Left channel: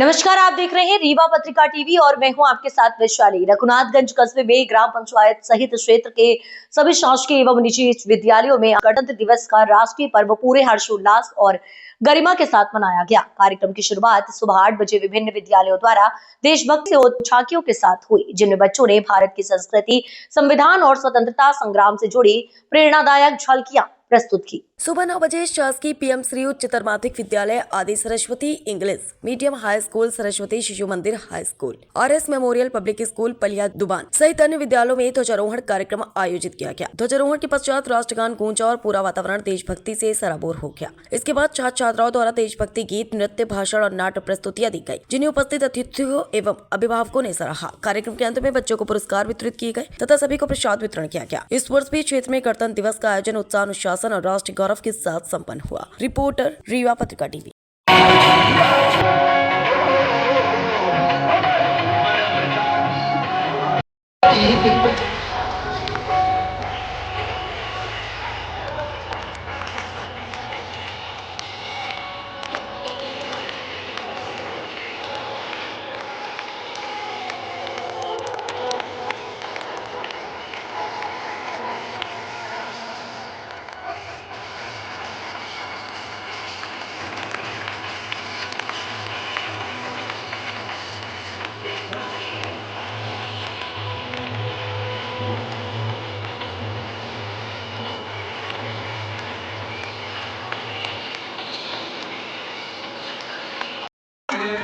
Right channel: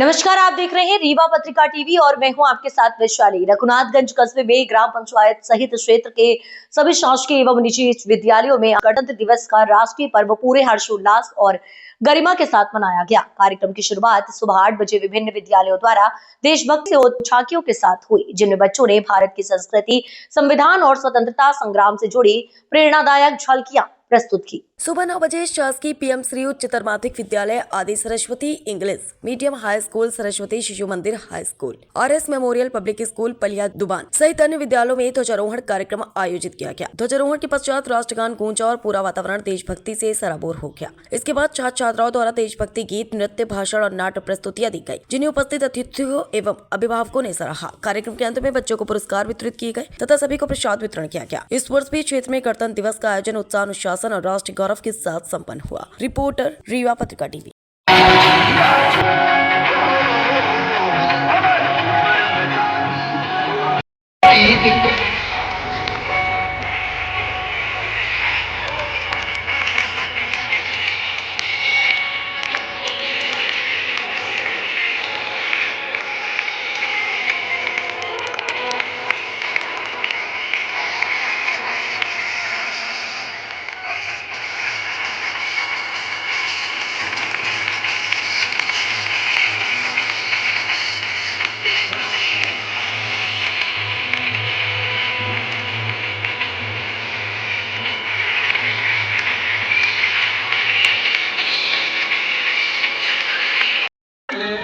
नमस्कार, आप देख रहे हैं रीवा पत्रिका टीवी और मैं हूं आपके साथ वैशाली। रघुनाथगंज कस्बे में ग्राम पंचायत सहित क्षेत्र के सभी शासकीय एवं निजी विद्यालयों में गणतंत्र दिवस का राष्ट्रीय पर्व पूरे हर्षोल्लास और गरिमा के साथ मनाया गया। कार्यक्रम की शुरुआत सुबह 8 बजे विभिन्न विद्यालयों द्वारा देशभक्ति और झांकियों के साथ हुई, जिनमें बच्चों ने भारत की संस्कृति, संविधान और स्वतंत्रता संग्राम से जुड़ी प्रेरणादायक झलकियां प्रस्तुत की। सुबह 9 बजे शासकीय पीएम श्री उच्चतर माध्यमिक विद्यालय आदि Saraswati English medium high school, Saraswati Shishu Mandir high school, RS memorial public school Paliya Duban सहित अन्य विद्यालयों में ध्वजारोहण कार्यक्रम आयोजित किया गया। ध्वजारोहण के पश्चात राष्ट्रगान गूंजा और पूरा वातावरण देशभक्ति से सराबोर हो गया। इसके बाद छात्र छात्राओं द्वारा देशभक्ति गीत, नृत्य, भाषण और नाट्य प्रस्तुतियां दी गयी, जिन्हें उपस्थित अतिथियों एवं अभिभावकों ने सराहा। कार्यक्रम के अंत में बच्चों को पुरस्कार वितरित किए गए तथा सभी को प्रसाद वितरण किया गया। इस वर्ष भी क्षेत्र में गणतंत्र दिवस का आयोजन उत्साह, अनुशासन और राष्ट्रीय गौरव के साथ संपन्न हुआ। रिपोर्टर रीवा पत्रिका टीवी।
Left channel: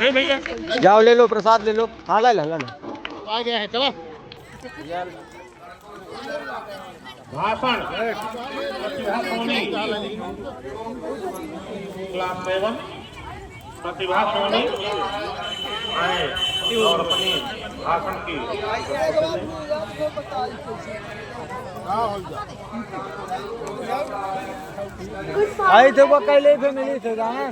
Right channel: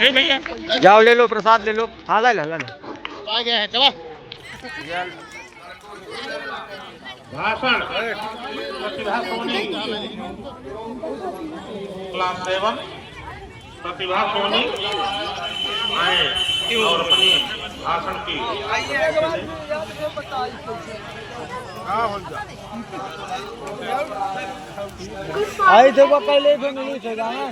भैया जाओ ले लो, प्रसाद ले लो। हाँ ला ला आ गया है, चलो। भाषण प्रतिभा सोनी क्लास 7 प्रतिभा सोनी और भाषण की आई थे वो कल फैमिली से जाना।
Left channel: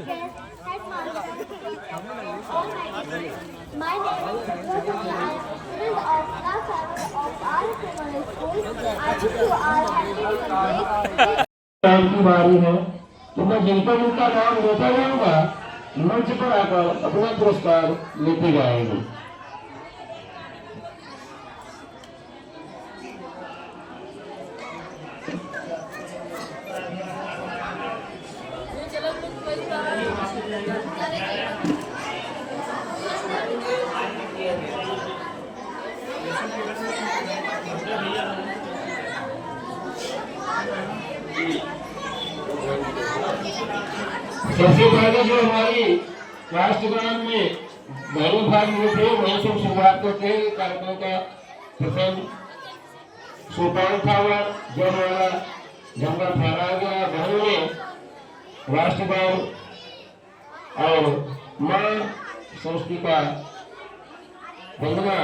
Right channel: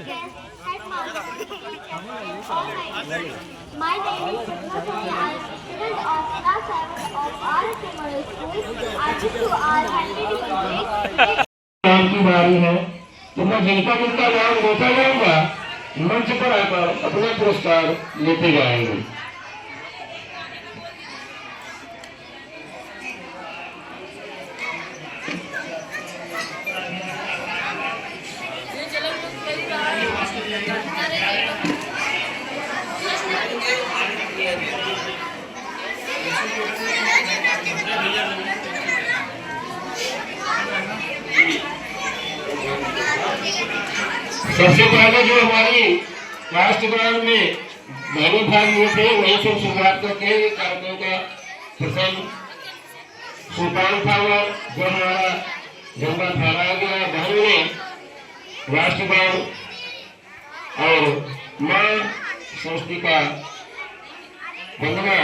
My name is Rajni. I am student of class 7 of RS School. आज की बारी है, तो मैं जिनका जिनका नाम लेता जाऊंगा मंच पर आकर अपना पुरस्कार लेते जाएंगे। सबसे पहले जो हमारी राष्ट्रगान में पहले भाग हुए थे वहीं से शुरुआत करके कार्यक्रम का प्रसंग सोपान था, जो हमारा जंगल फैलाया गया वहीं में राष्ट्रगान और मां सरस्वती का वंदना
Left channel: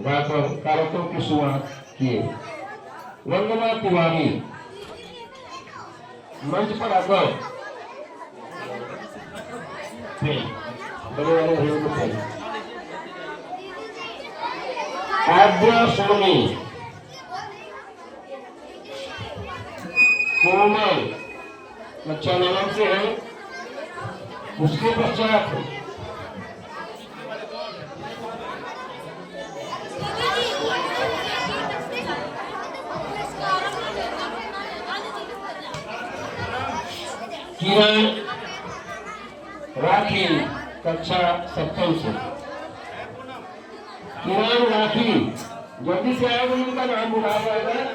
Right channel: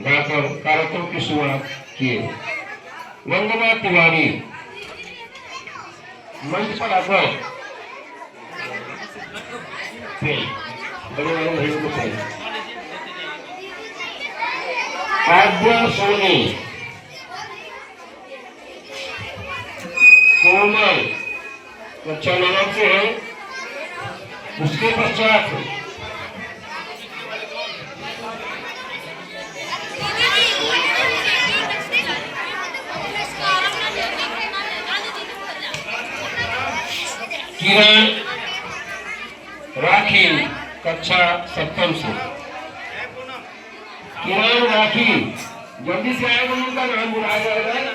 गाकर कार्यक्रम की शुरुआत किए। वंदना तिवारी मंच पर आकर आद्या सोनी, कोमल कक्षा 9 से है। उसके पश्चात किरण राखी कक्षा 7 से। किरण राखी जल्दी से आएगा, उनका नाम बुलाया जाएगा।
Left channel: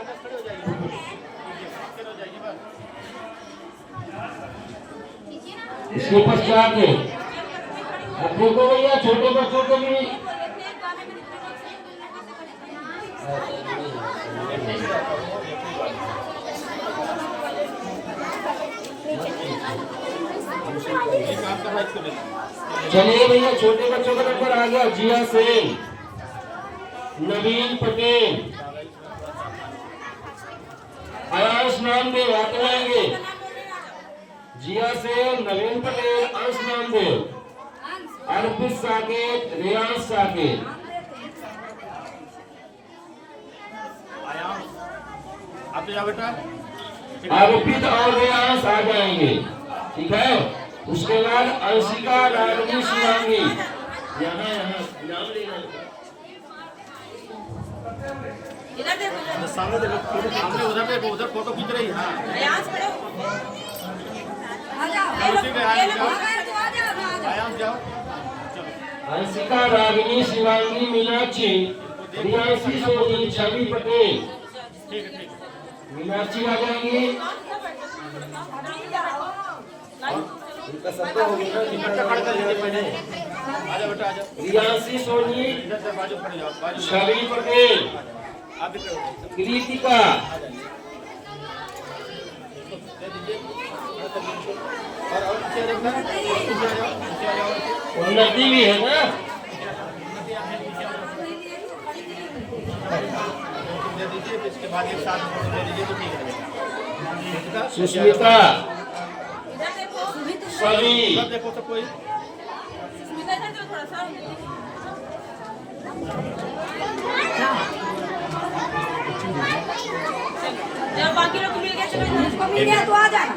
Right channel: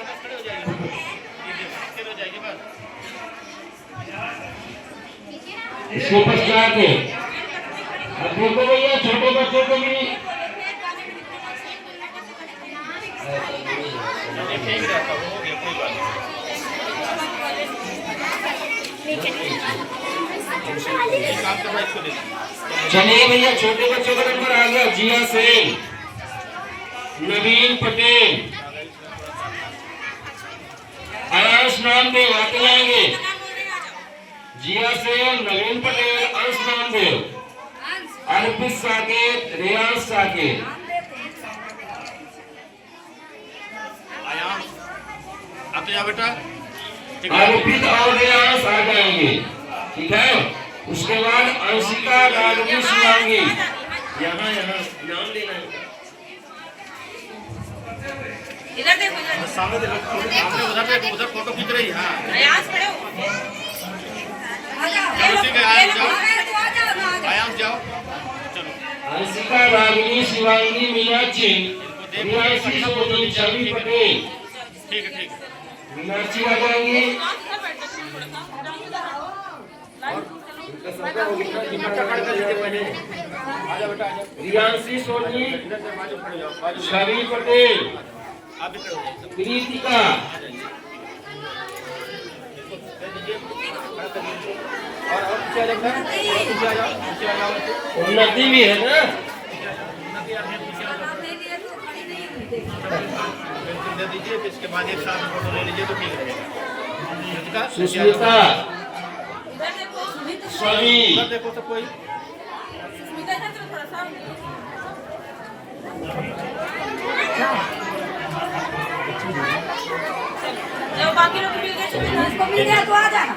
इसके पश्चात अपने को भैया छोटे बच्चों को भी चलिए भैया, छोटे बच्चों का नंबर आ गया। जिया सेन, नवीन पटेल, आयुष नामदेव आते जाएंगे। जिया सेन, नवीन पटेल, अंश नामदेव, अर्पित साकेत, रियाज साकेत। आते जा बेटा। अर्पित और रियाज आ जाएंगे, ठीक है। उसके बाद अंशिका रागनी शिवांगी, यहाँ यहाँ नाम लेना है। इधर देखो, इधर सामने देखो, उधर फोटो खींच रही है। हाँ, आयांश खड़े हो। ठीक है, आयांश जाओ। चलो, अंशिका रागनी शिवांगी मीनाक्षी रियासी सोनी छवि पटेल। ठीक है, ठीक है। मीनाक्षी आ जाएंगी। रियासी सोनी छवि पटेल, कृतिका, उन्नति भी है ना। दे दीजिए, फिर इसके बाद एक साथ फोटो ले लीजिए तो ठीक रहेगा। सुष्मिता, सभी उधर देखो तो कोई बाकी लोग मिल गए तो आ जाना।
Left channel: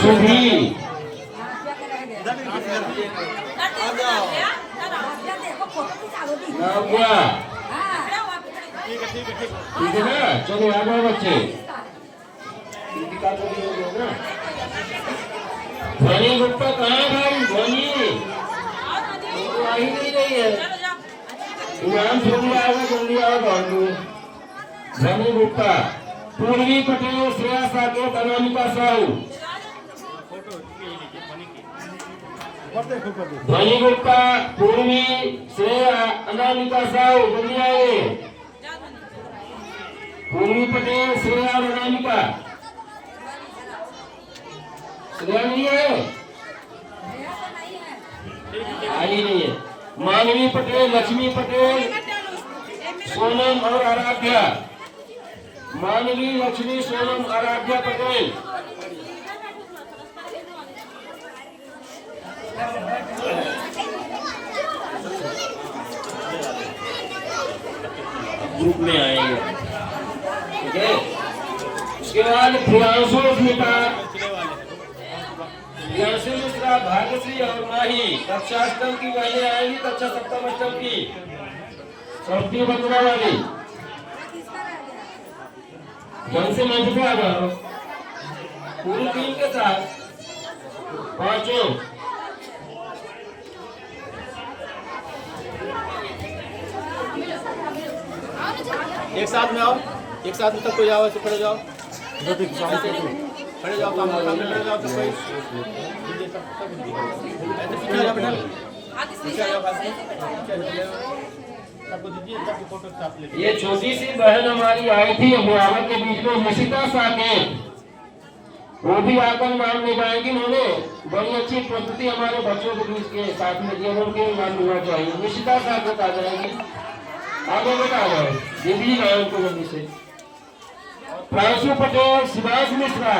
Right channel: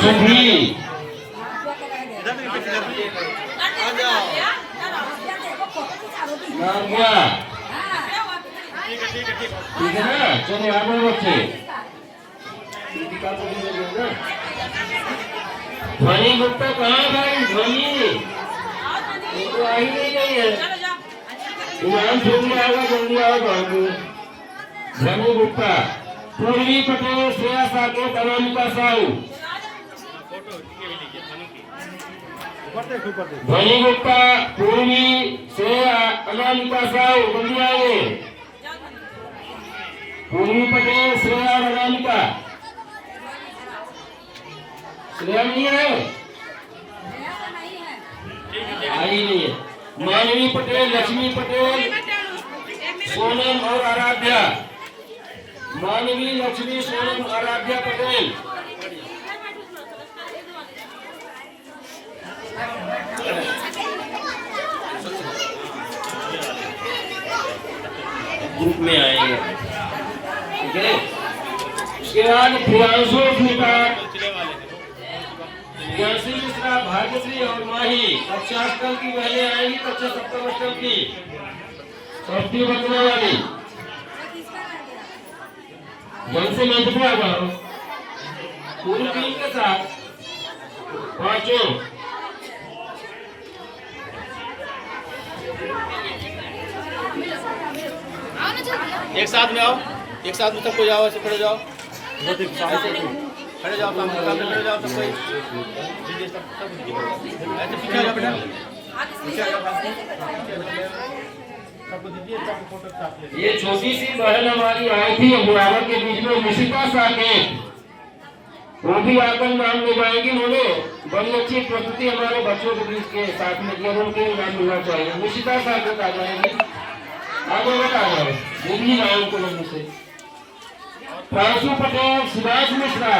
सुधी, नाव्या, ठीक है, ठीक है, ठीक है। ठीक है ना। चलो आगे बच्चे, कृतिका को भी दे दो ना। ध्वनि गुप्ता कहाँ भाई? ध्वनि तो आ ही नहीं रही है। इनाम जल्दी आएगा, जल्दी आओ बाबू। ध्वनि गुप्ता, पूर्वी पटेल, श्रेया साकेत, अनामिका साहू। ध्वनि गुप्ता, पूर्वी, श्रेया, अनामिका साहू, जल्दी आए। पूर्वी पटेल, श्रेया और अनामिका। श्रेया नहीं है, आई नहीं है। मानवी पटेल, लक्ष्मी पटेल, सोनम और आराध्या। मानवी, लक्ष्मी, सोनम, आराध्या पटेल। ग्रुप में आएंगे, ठीक है। उसके बाद प्रियांशु स्मिता, प्रियांशु मिश्रा, भाग्यश्री और माही कक्षा अष्टम की पहले आएंगी, कक्षा सप्तम अष्टम की सस्ती बचने वाली। ढंग से मंच पे आ जाओ, पूरी टीम के साथ पांचों। एक साथ में आओ, एक साथ में सबको जाओ, ऐसे खड़े जाओ, खड़े जाओ, सामने खड़े जाओ, सब कोई ऐसे पीछे जाओ बेटा, पीछे जाओ, सबको दीजिए, सबको फोटो साथ ले। ये छोटी सी बहन हमारी आई थी बुढ़ावा के बीच में, निशिता साकेत, वो भी आकर नाम निभाएंगी। उन्होंने बड़ी अच्छी प्रस्तुति हमारे बच्चों के बीच के साथ में किया, उनके नाम मिलना चाहिए। निशिता साकेत आ जाएंगी, आगे बेटा आ जाओ, दीदी नाम को जल्दी से। प्रांशु पटेल, सुभाष मिश्रा,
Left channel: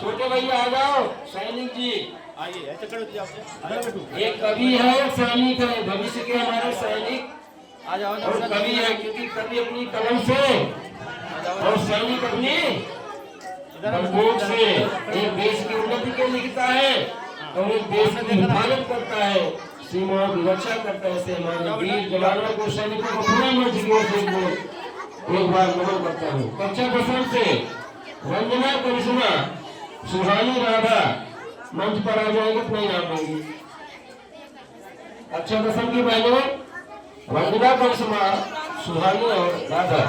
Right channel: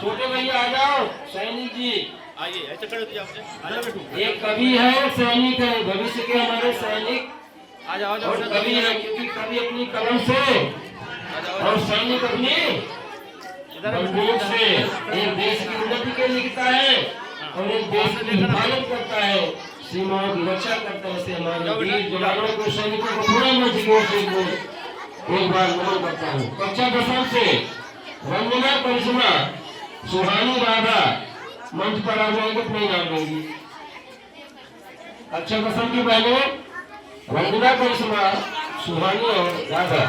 छोटे भैया आ जाओ। सैनिक जी आइए, ऐसे खड़े हो जाओ, एक कवि है, एक सैनिक है, भविष्य के हमारे सैनिक आ जाओ, और कवि है, क्योंकि कवि अपनी कलम से और सैनिक अपनी बंदूक से एक देश की उन्नति के लिए लिखता है और एक देश की हिफाजत करता है, सीमाओं की रक्षा करता है। से हमारे वीर जवानों को, सैनिकों को पूरे मंच की ओर से एक बार नमन करता हूँ। कक्षा दसम से वंदना करिश्मा, सुहानी राधा मंच पर आ जाएंगे, अपने नाम लेंगी। कक्षा दसम की पहले वंदना करिश्मा, सुहानी और राधा।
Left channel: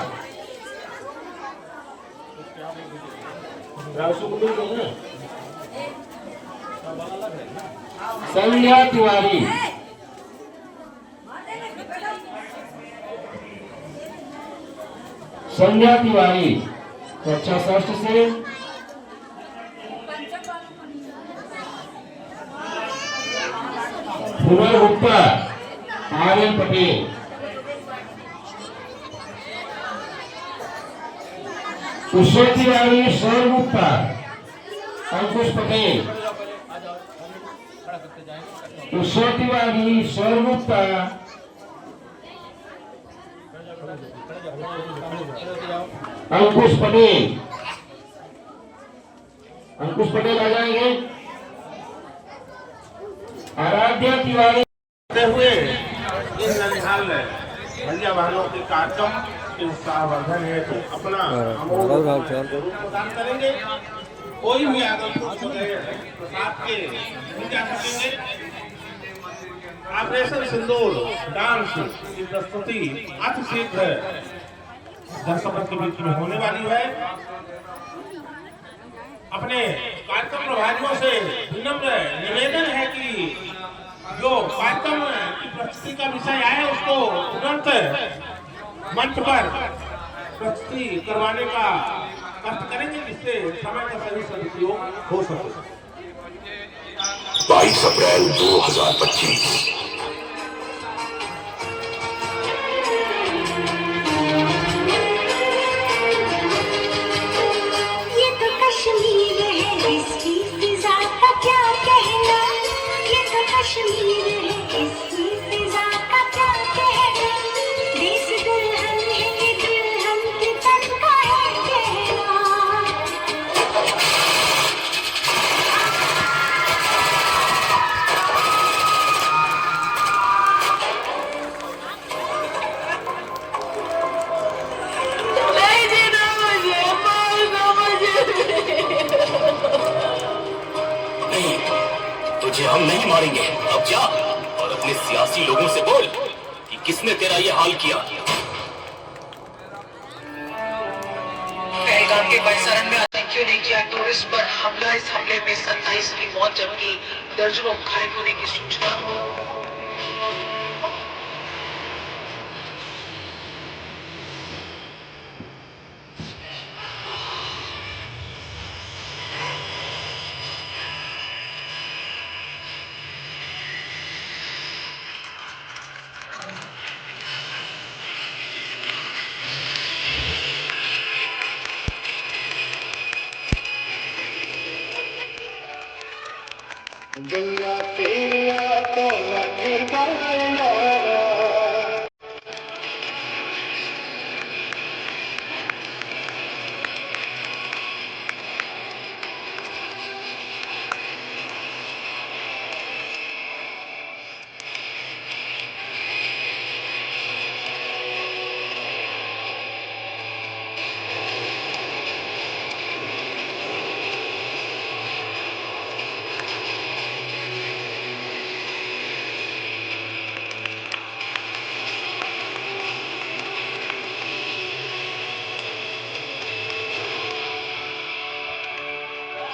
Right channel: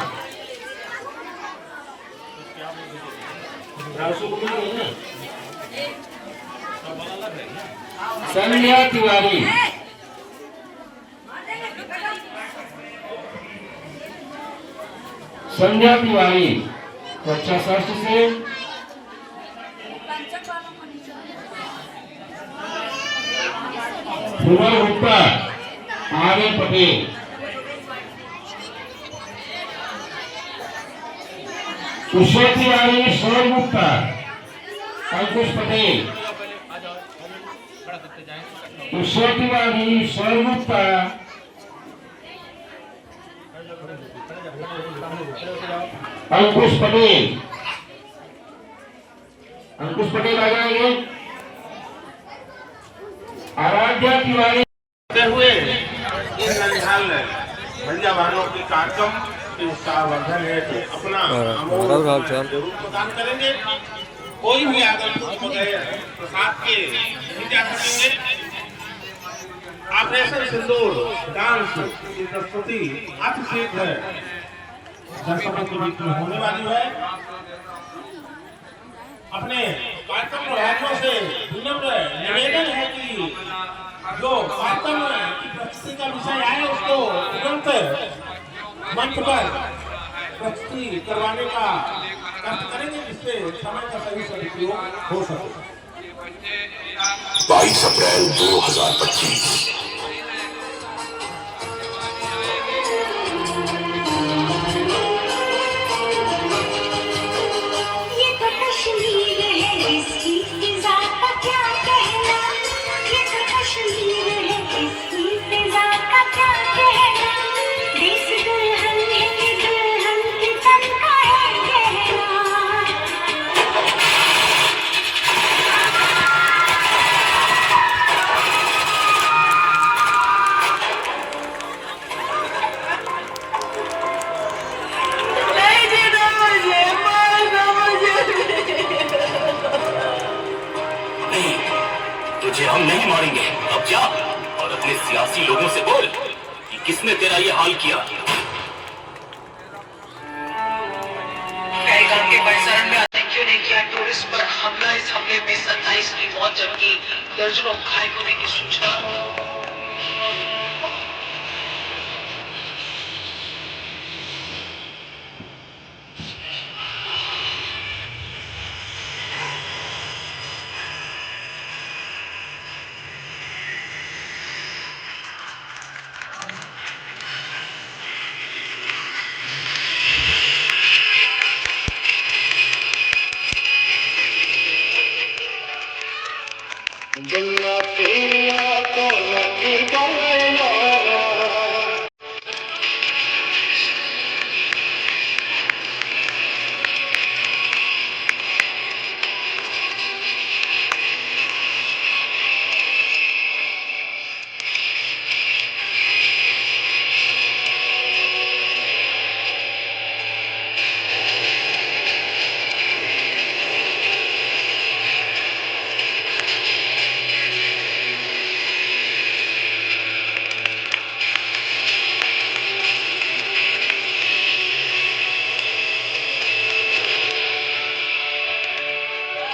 संध्या तिवारी, संध्या तिवारी कक्षा षष्ठ से। फुमर गुप्ता, आर्यन पटेल, सुश्री तिवारी, सौर गुप्ता, अंकुश पटेल, सुश्री तिवारी, सौर गुप्ता, खड़े होके जाओ। अंकुश पटेल, अंकुश पटेल आ जाएंगे। आराध्या तिवारी हुए इन ननिहाल भंजा वालों के कार्यक्रम के उत्साहवर्धन है तो अपना अमूल्य जरूर प्रदान करेंगे। कोई भी आगंतुक प्रसाद के नहीं जा सकेंगे। ऑपरेशन सिंदूर डांस की प्रस्तुति अति शीघ्र दर्शकों के बीच में होने वाली है। अपने कार्यक्रम प्रभारियों से विनम्र निवेदन है कि जो कार्यक्रम की प्रस्तुति का विषय आए उसको तुरंत मंच पर प्रस्तुति करवाने का कष्ट करेंगे, जिससे समय का सही सदुपयोग हो सके। 22 अप्रैल 2025 ये तो कश्मीर है, इसकी फिजा का क्या कहना। ये तो कश्मीर है, इसकी फिजा का क्या कहना। देश दुल्हन के तन का है कहना। तुझे हम नहीं मारेंगे। अब जा और अपने सियासी लोगों से बोल कि किसने तेरा ये हाल किया। पहलगाम के परिसर में आतंकियों ने किया टूरिस्ट पर हमला। इस हमले में 27 की मौत जबकि दर्जनों घायल होने की सूचना।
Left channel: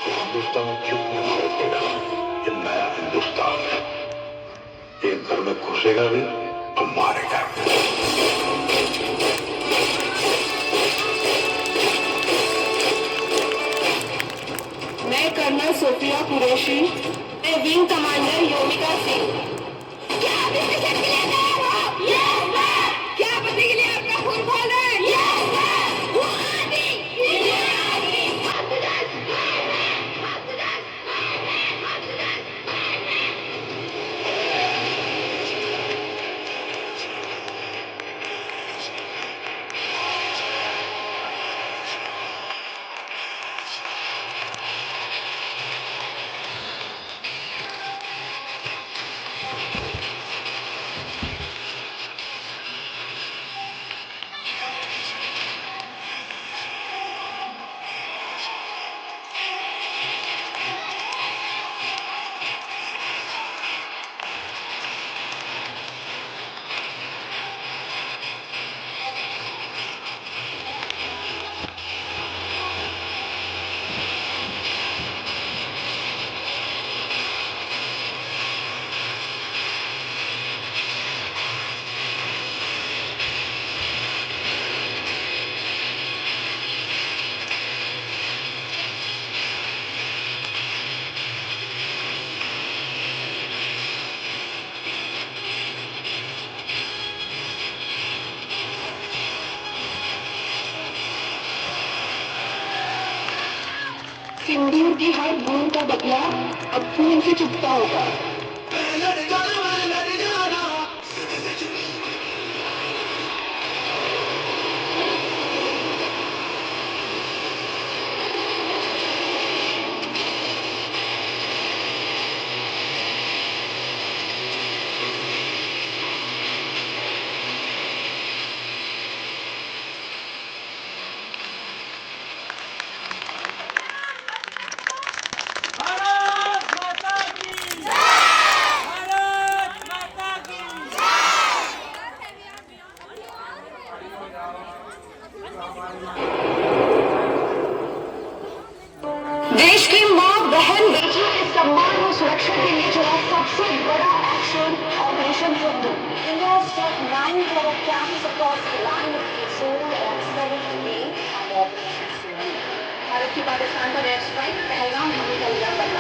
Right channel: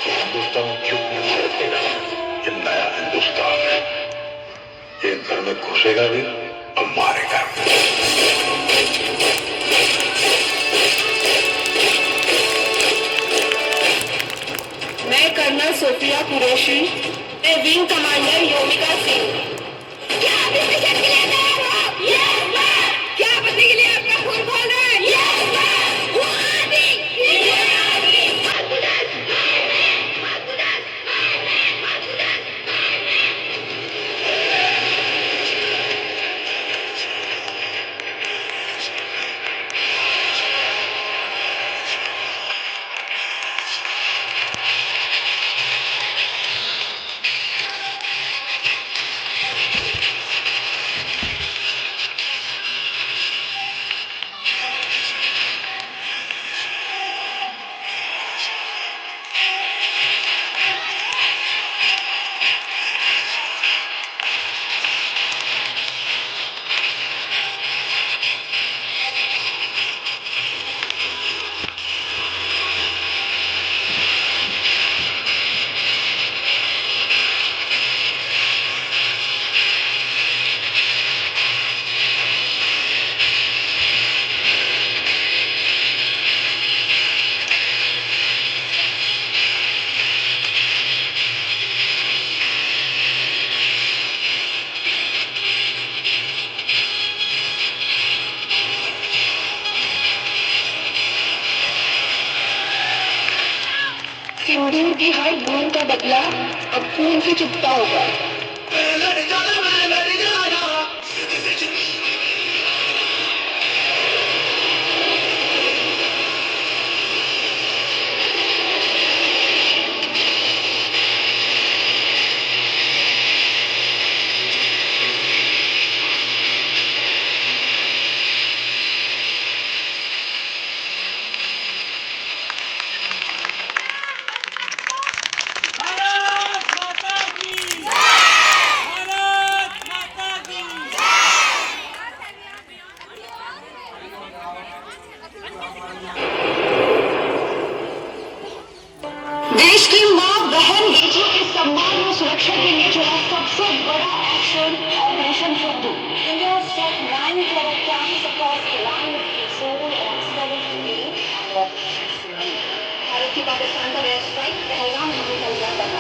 हिंदुस्तान क्यों नहीं हटेगा। ये नया हिंदुस्तान है, ये घर में घुसेगा भी और मारेगा। मैं colonel Sofiya Qureshi, wing commander Yogika Singh. क्या बदले के लिए अपना खून खोल रहे हैं? सिंदूर की हर बूंद का बदला अब खून से चुकता होगा। पाकिस्तान का एयर स्ट्राइक पहलगाम में भी चल जाता था।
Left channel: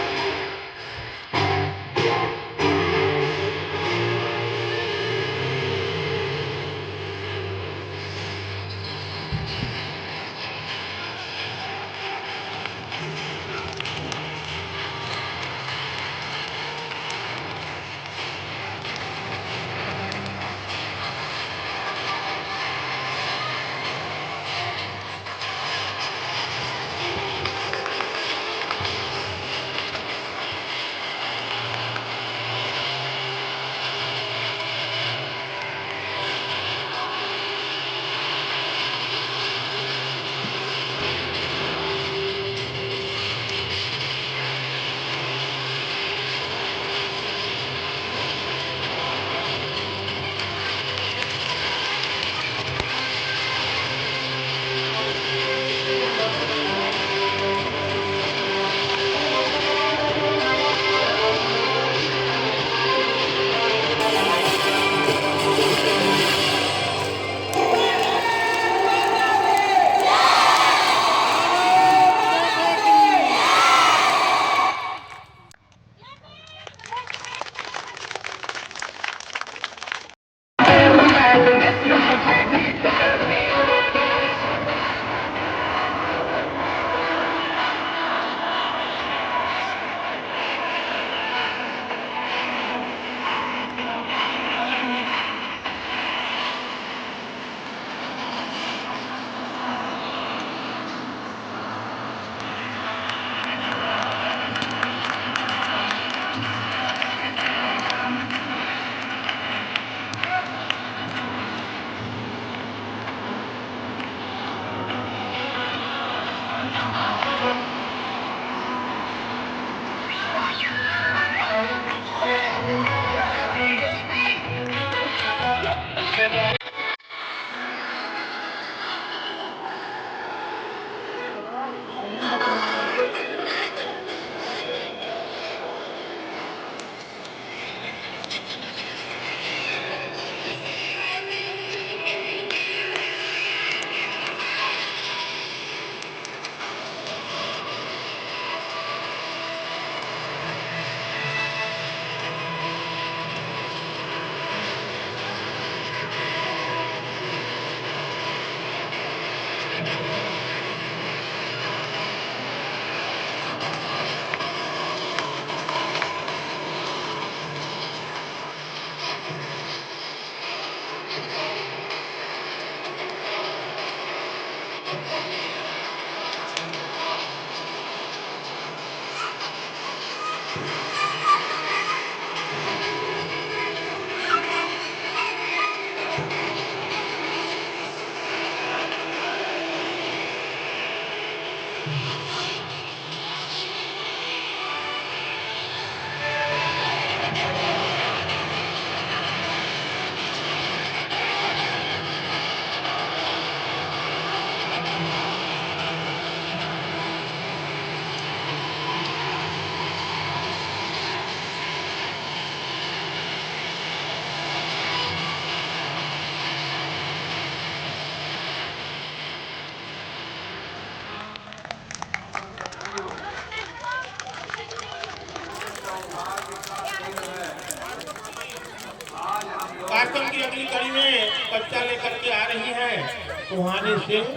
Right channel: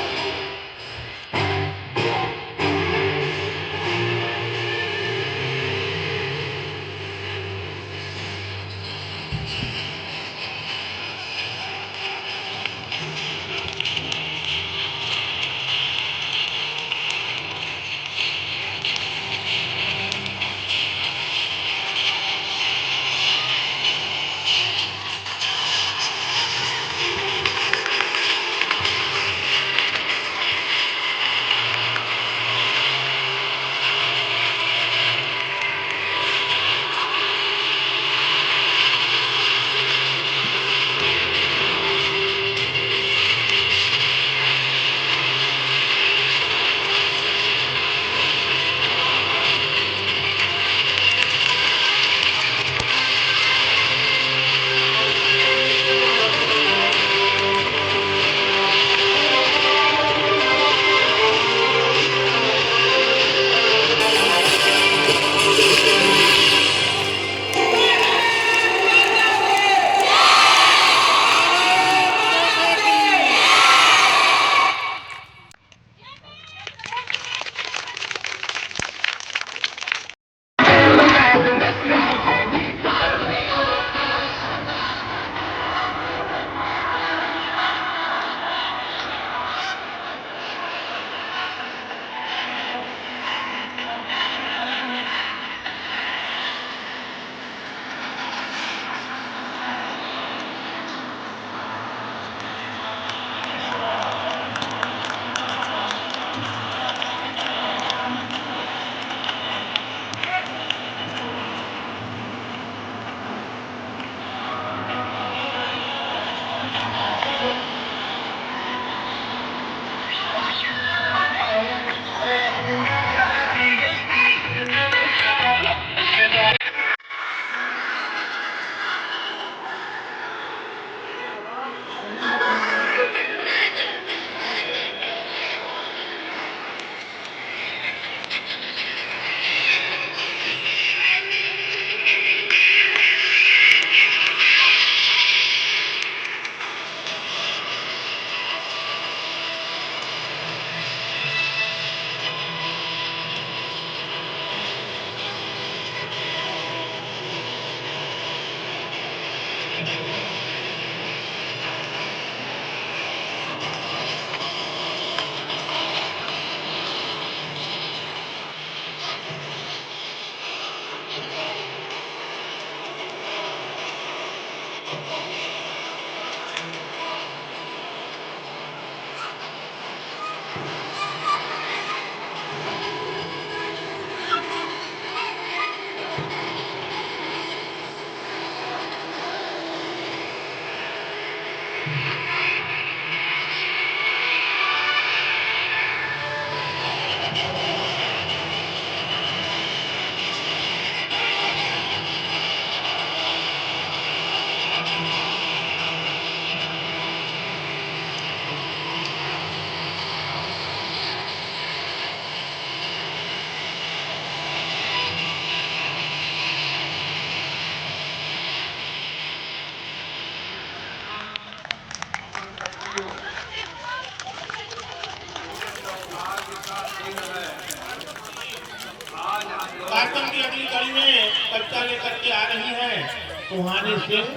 कार्यक्रम की अगली कड़ी में कविता लेकर के आ रही है सुहानी सिंह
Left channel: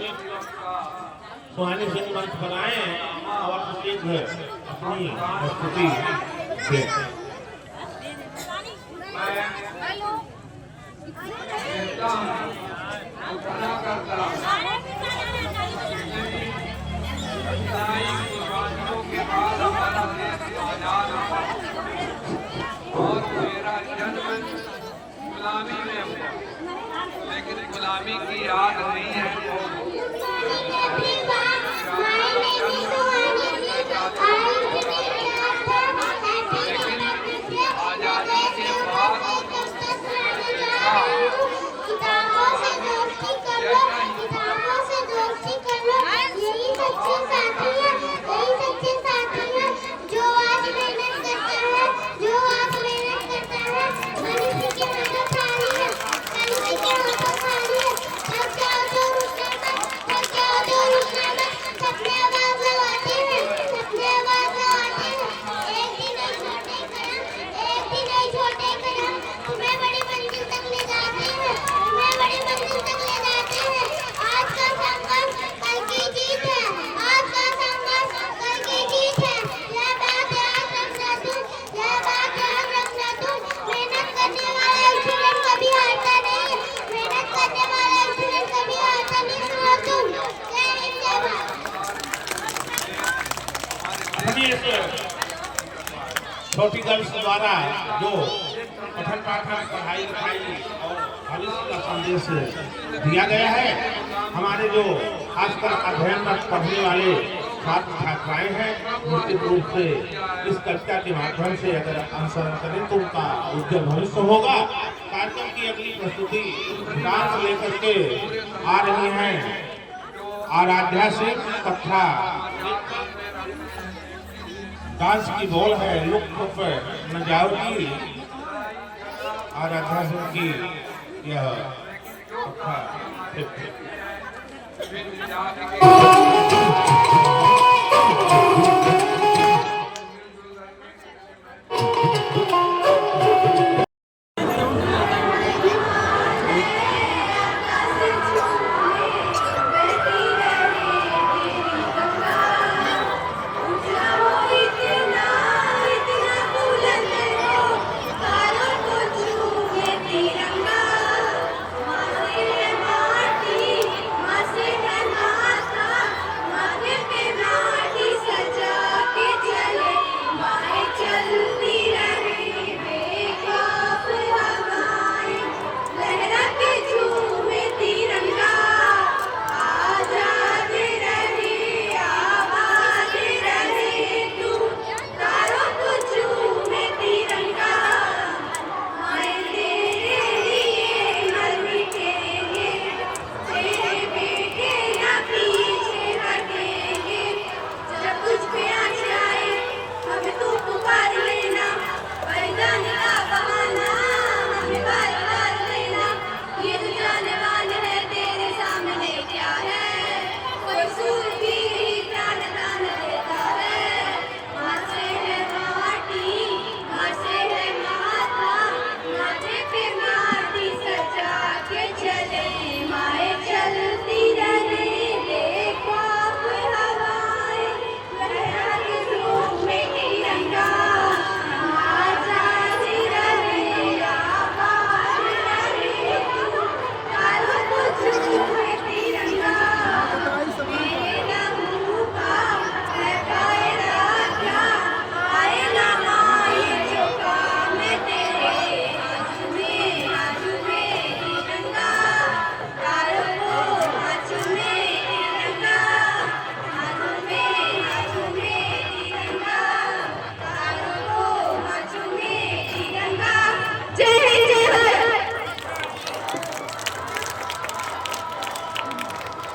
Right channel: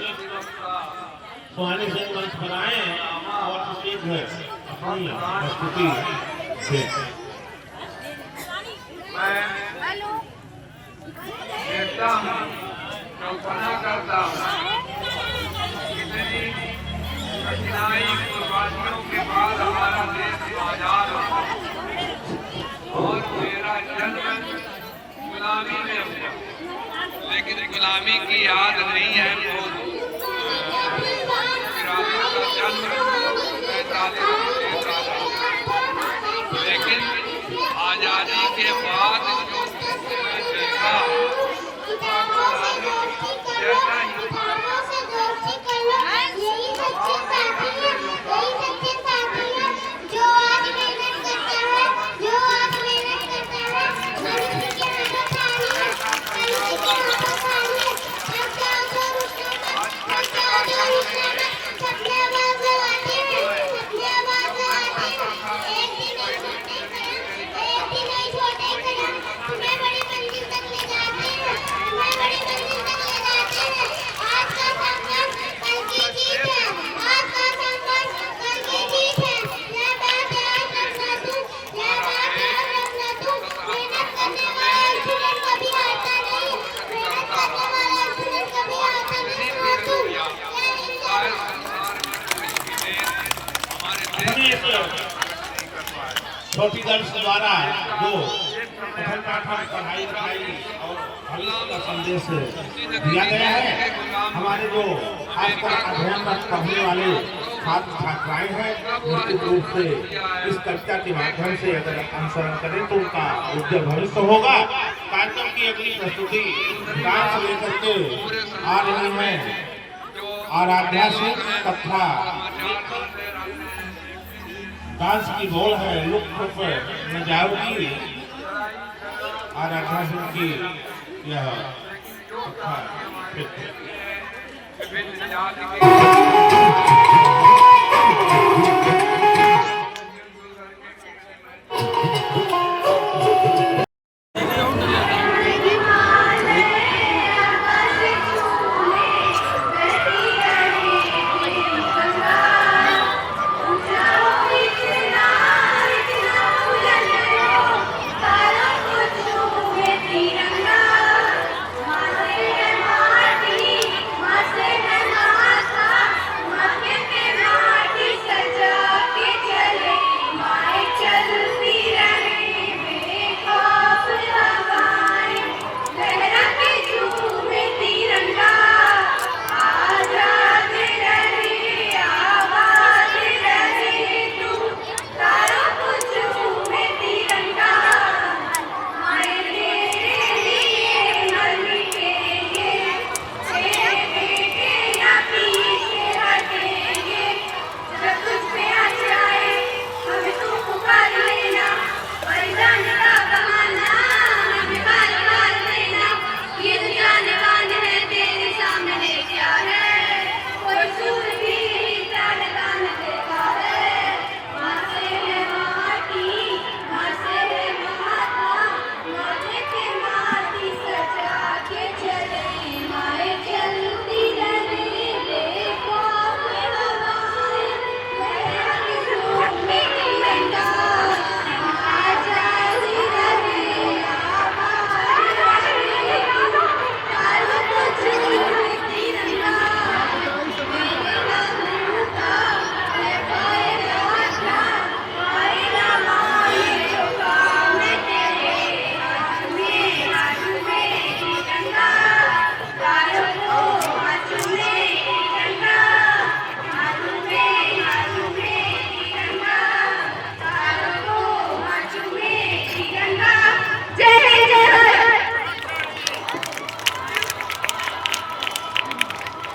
मंच बनाए और प्रसिद्ध अपनी प्रस्तुति दें। लेकिन गुलामी की याद नहीं है लेकिन आजादी के बाद देखा Bhagavati छोटी गर्ल्स द्वारा जो पठन पाठन पढ़ाई लिखाई और भविष्य का संदेश दिया गया है। हमारे जो खासकर अध्ययनरत पढ़ने वाले छात्र छात्राएं हैं, निश्चित रूप से इस कविता के माध्यम से अगर अनुसरण करें तो उनका उज्जवल भविष्य होगा। कार्यक्रम की अगली प्रस्तुति डांस लेकर के आ रही हैं आराध्या सिंह कथा। डांस की बोल है लुक नजावती। आराध्या सिंह की यह कथा।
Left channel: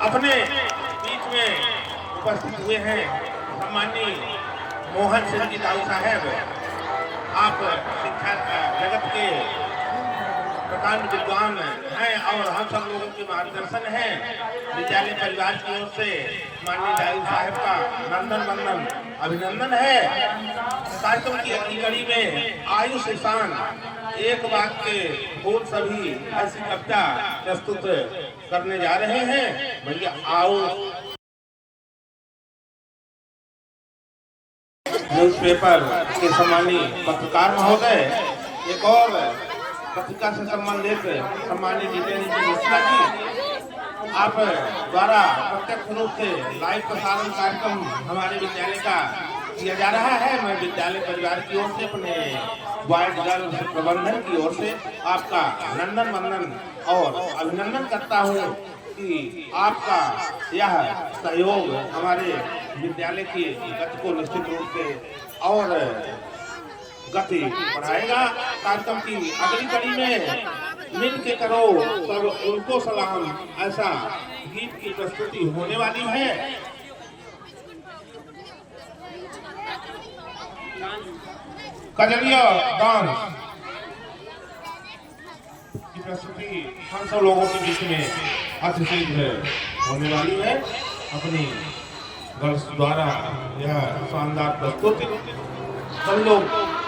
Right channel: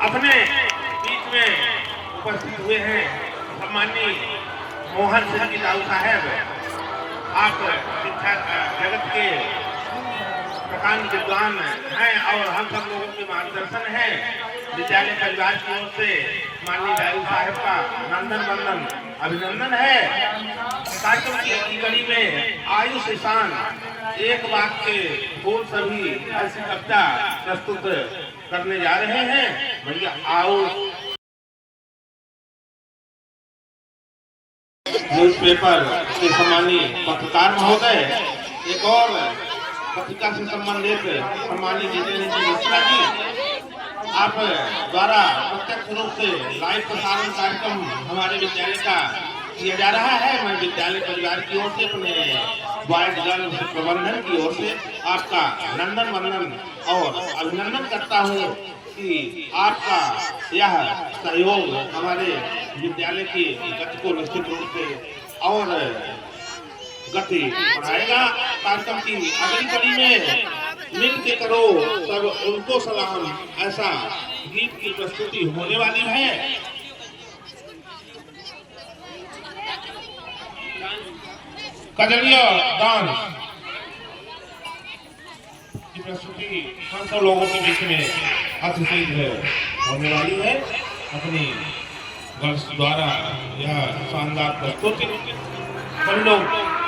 अपने बीच में उपस्थित हुए हैं सम्माननीय मोहन सिंह जी दाऊ साहब। आप शिक्षा जगत के प्रकांड विद्वान हैं और हम सब लोगों के मार्गदर्शन है। विद्यालय परिवार की ओर से माननीय दाऊ साहब का नंदन वंदन अभिनंदन है। कार्यक्रम की अगली कड़ी में आयुष ईशान एक वाक्य बोल सभी ऐसी कविता प्रस्तुत करने जा रहे हैं। भैया आओ। न्यूज़पेपर के सम्मानीय पत्रकार महोदय, एक और पत्रिका से संबंधित सम्मानीय जितेंद्र मिश्रा जी, आप द्वारा प्रत्यक्ष रूप से लाइव प्रसारण कार्यक्रम हमारे विद्यालय का किया जा रहा है। मैं विद्यालय परिवार की ओर से अपने बॉयज गर्ल्स प्रबंधन की ओर से आपका नंदन वंदन और अभिनंदन करता हूँ कि आपका यह सहयोग हमारे विद्यालय की गति को निश्चित रूप से और गति बढ़ाएगा। कार्यक्रम की अगली कड़ी में मिल के करो सब उनको सलाम ऐसा गीत की प्रस्तुति होने वाली है। कजलिया डांस की प्रस्तुति 500 लोगों के बीच में अतिशीघ्र होने वाली है। अपनी गर्ल्स द्वारा यह शानदार प्रस्तुति हम लोग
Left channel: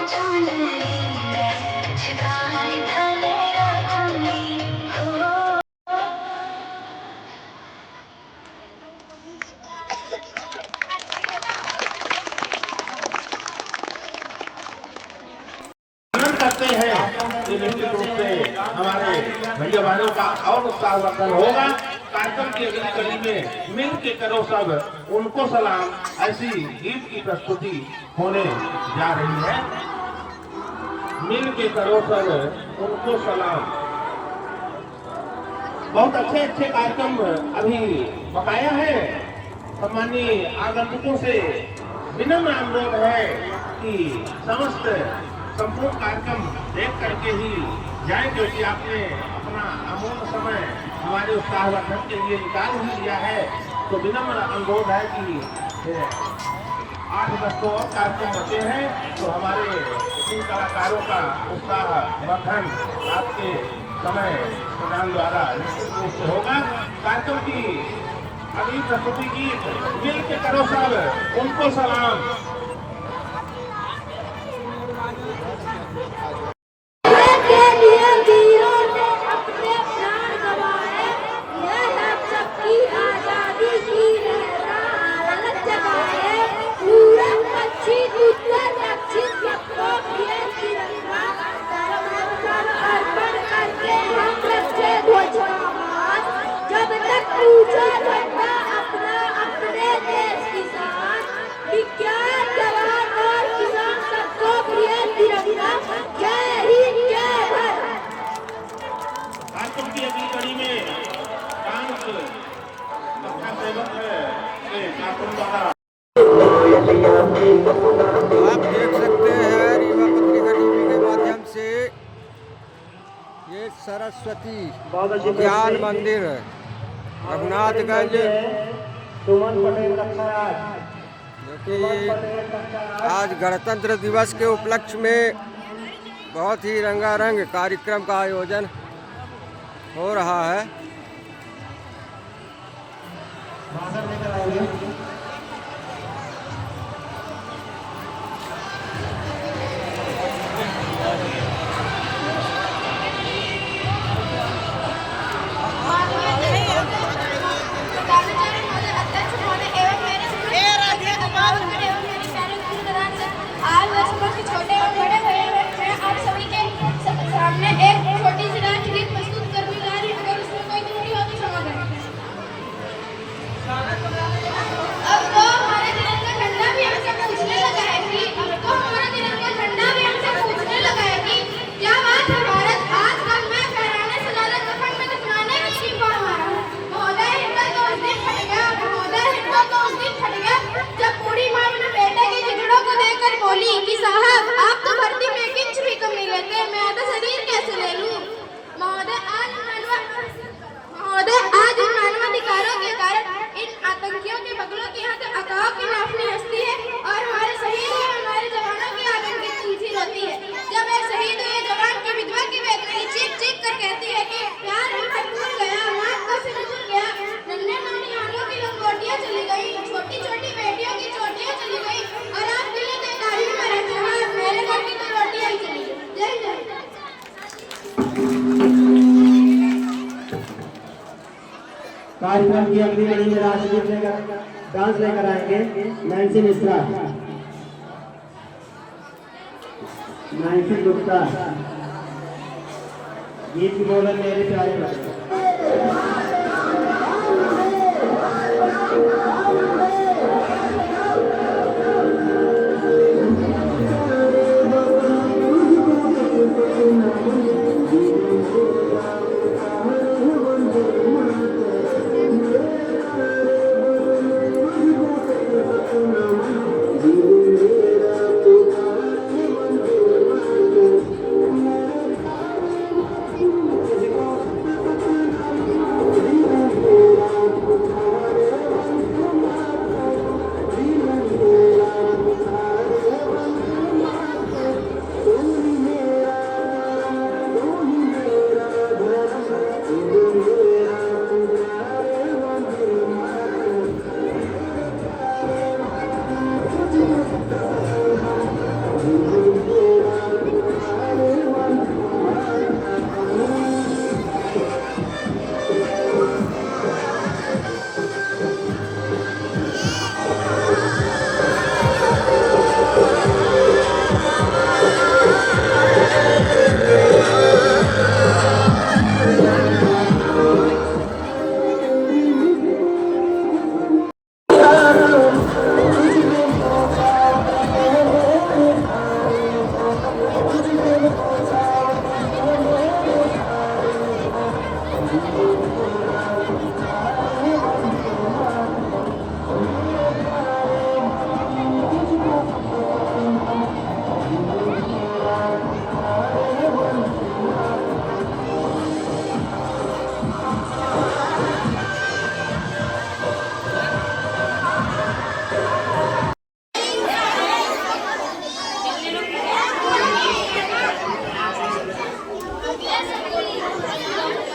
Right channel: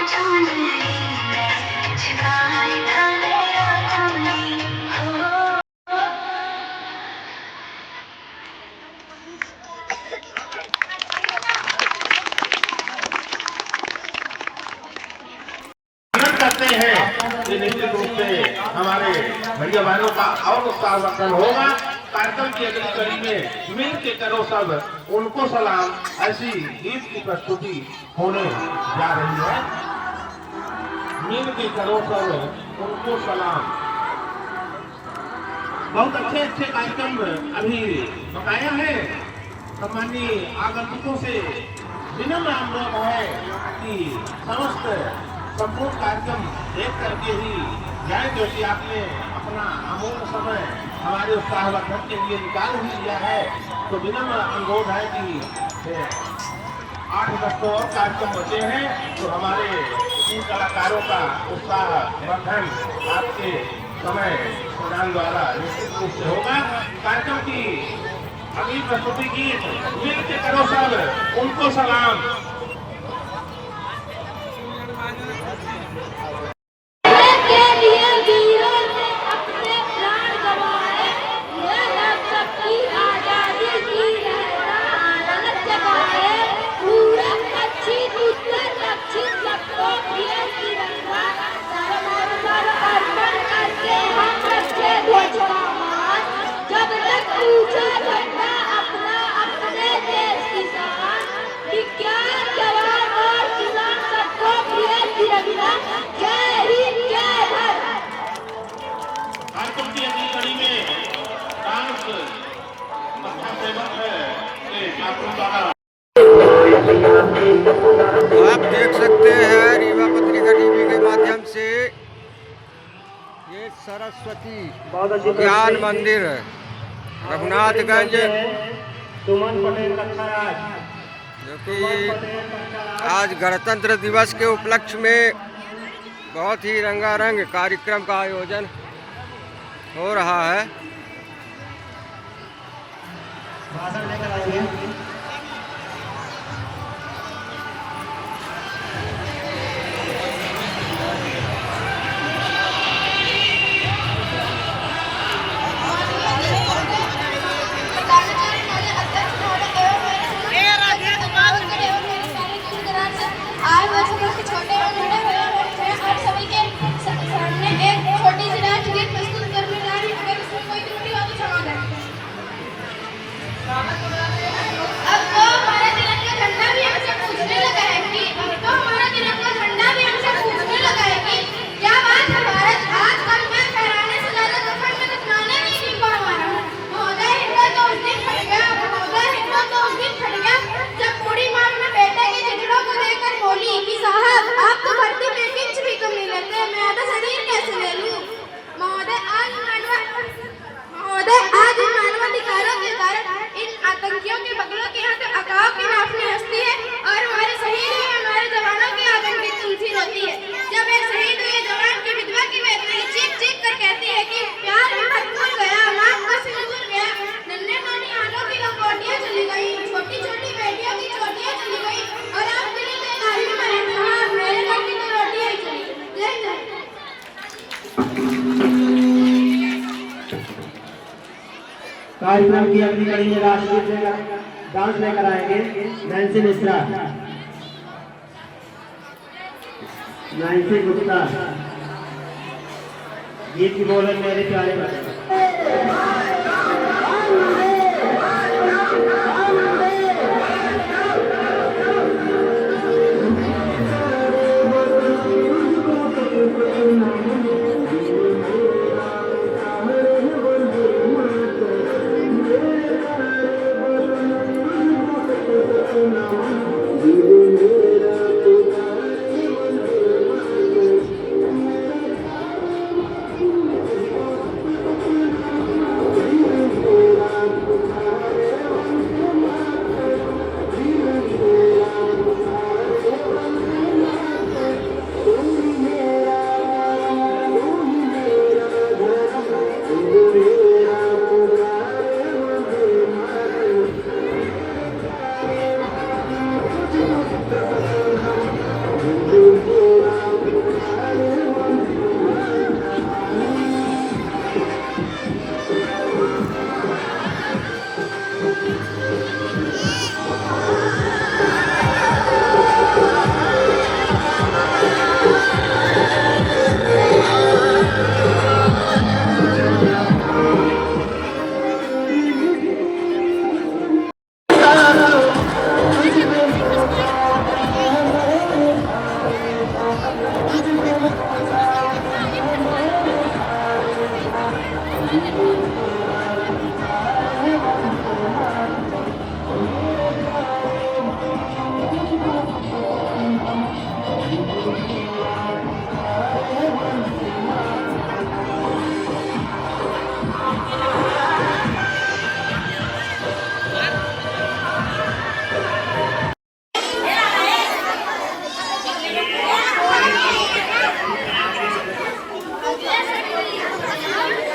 ढूंढ रही मैं छिपाए ढाले आँखों में हो। करते हैं कि निश्चित रूप से हमारे भैया भाइयों का और उत्साहवर्धन होगा। कार्यक्रम की अगली कड़ी में मिल के करो सब उनको सलाम, ऐसी गीत की प्रस्तुति होने जा रही है। मिल के करो सब उनको सलाम। बहुत अच्छे अच्छे कार्यक्रम अभी बकाया है। सम्मानीय आगंतुकों से विनम्र अनुरोध है कि समस्त संपूर्ण कार्यक्रम देख करके ही जाए, क्योंकि आपने अपना अमूल्य समय हमारे उत्साहवर्धन के लिए निकाल ही लिया है। तो विनम्र अनुरोध है कि 8-10 और कार्यक्रम बचे हैं, तो हमारे इन कलाकारों का उत्साहवर्धन आपके समय प्रदान द्वारा निश्चित रूप से होगा। कार्यक्रम की अगली प्रस्तुति गीत मिल के करो सब उनको सलाम। जब तक ऊंचा झंडा अपना अपने देश की शान, विज्ञान जवान और किसान सबको प्रिय तिरंगा। जय हिंद जय भारत। कार्यक्रम की अगली कड़ी में डांस सेवक के ठाकुर द्वारा आप देख सकते हैं रीवा पत्रिका टीवी के माध्यम से ये सरस्वती ज्ञान मंदिर रघुनाथगंज, जो कि आज गणतंत्र दिवस के उपलक्ष्य में बहुत ही रंगारंग कार्यक्रम का आयोजन हो रहा है। छोटे और बड़े मैं आप सभी के सामने एक छोटी सी राष्ट्र गीत प्रस्तुत करने जा रही हूँ। अगर इसमें कोई त्रुटि हो तो क्षमा करें। अब तो हमारा तिरंगा झंडा भी हमसे पूछने लगा है कि क्या बात है भारत, आज कल मैं फहराने से ज्यादा कफन में दफनाने की क्यों कौन हमारा है। महोदय हिम्मत तो उस दिन फट गया, महोदय हिम्मत तो उस दिन फट गया जब बूढ़ी माँ अपने बेटे के जिगड़ों को देखकर बोली कि साहब आप तो भर्ती में एक इंच भी कम नहीं लेते, मैं आधा शरीर कैसे ले लूं। महोदय आज इन मानवाधिकारों के कारण इन आतंकियों के बगलों के यहाँ से अकाव की नाफनी हंसती है और हमारे शहीद हुए हमारे जवानों के आतंक की तुलसी रोती है। जब एक शहीद हुए जवान की विधवा की बेटी चीख चीख कर कहती है कि प्यार भूल गया, माँ का सिंदूर गया, नन्हे नानी आंखों की लंगोटियाँ चली गई, छोटी छोटी बेटियों की चोटियाँ चली गई और आपके लिए नहीं मरे मेहमान, मेरे घर की तो रोटियाँ ही चली। जय जय। कार्यक्रम की अगली कड़ी में राष्ट्रीय डांस लेकर आएंगे नैन्सी मिश्रा, नैन्सी गुप्ता। गीत की बोलन मेरे प्यारे बच्चे।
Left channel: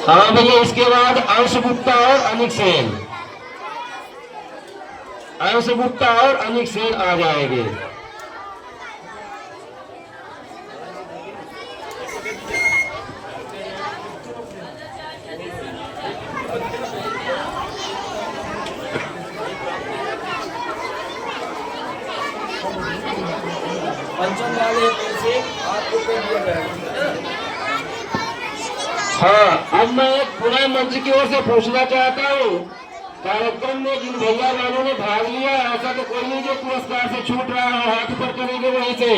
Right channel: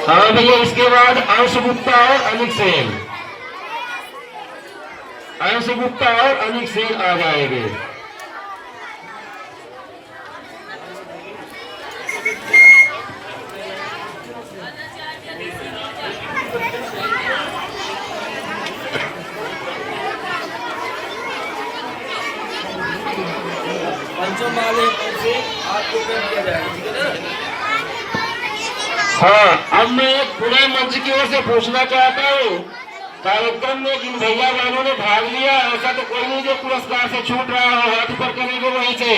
और देखिए इसके बाद अंश गुप्ता और अनिक सेन, अंश गुप्ता और अनिक सेन आ जाएंगे। पंचम वाले से आपको कर दिया जाएगा। हाँ, अब मैं पुनः मंच की ओर से पूछना चाहता हूँ, कार्यक्रम में जिन भैया बहनों ने भाग लिया, ऐसा तो कोई नहीं जो पुरस्कार से छूट रहा हो, हाथ ऊपर करेंगे वहीं से।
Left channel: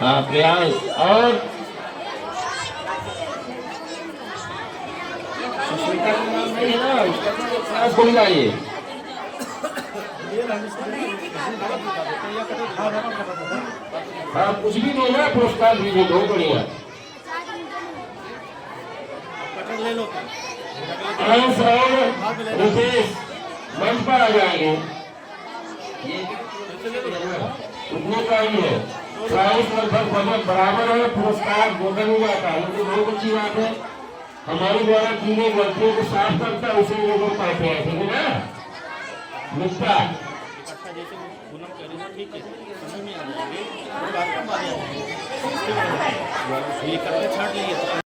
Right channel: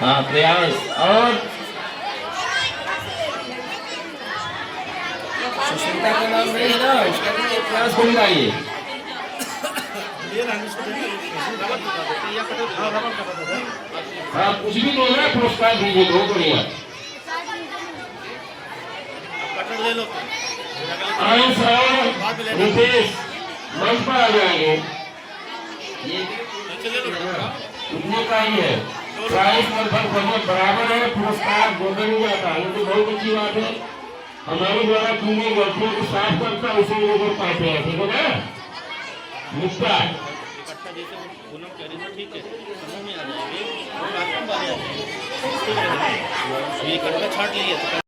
हाँ, प्रयास और सुष्मिता का नाम नहीं है ना, उसका तो ये प्रयास को मिलाइए। हाँ, कुछ भी नहीं है, पुरस्कार दीजिए, बहुत बढ़िया। अंश और रितेश मंच पर आ जाएंगे। उतने का ही है, प्राइस लगभग बराबर है, पुरस्कार बोला नहीं जाता है, तो बहुत अच्छी बात है। हमारे द्वारा की गई गलतियों को साफ करता है, उसे लोग पाते हैं, ठीक है ना मिस्टर? छाट लिए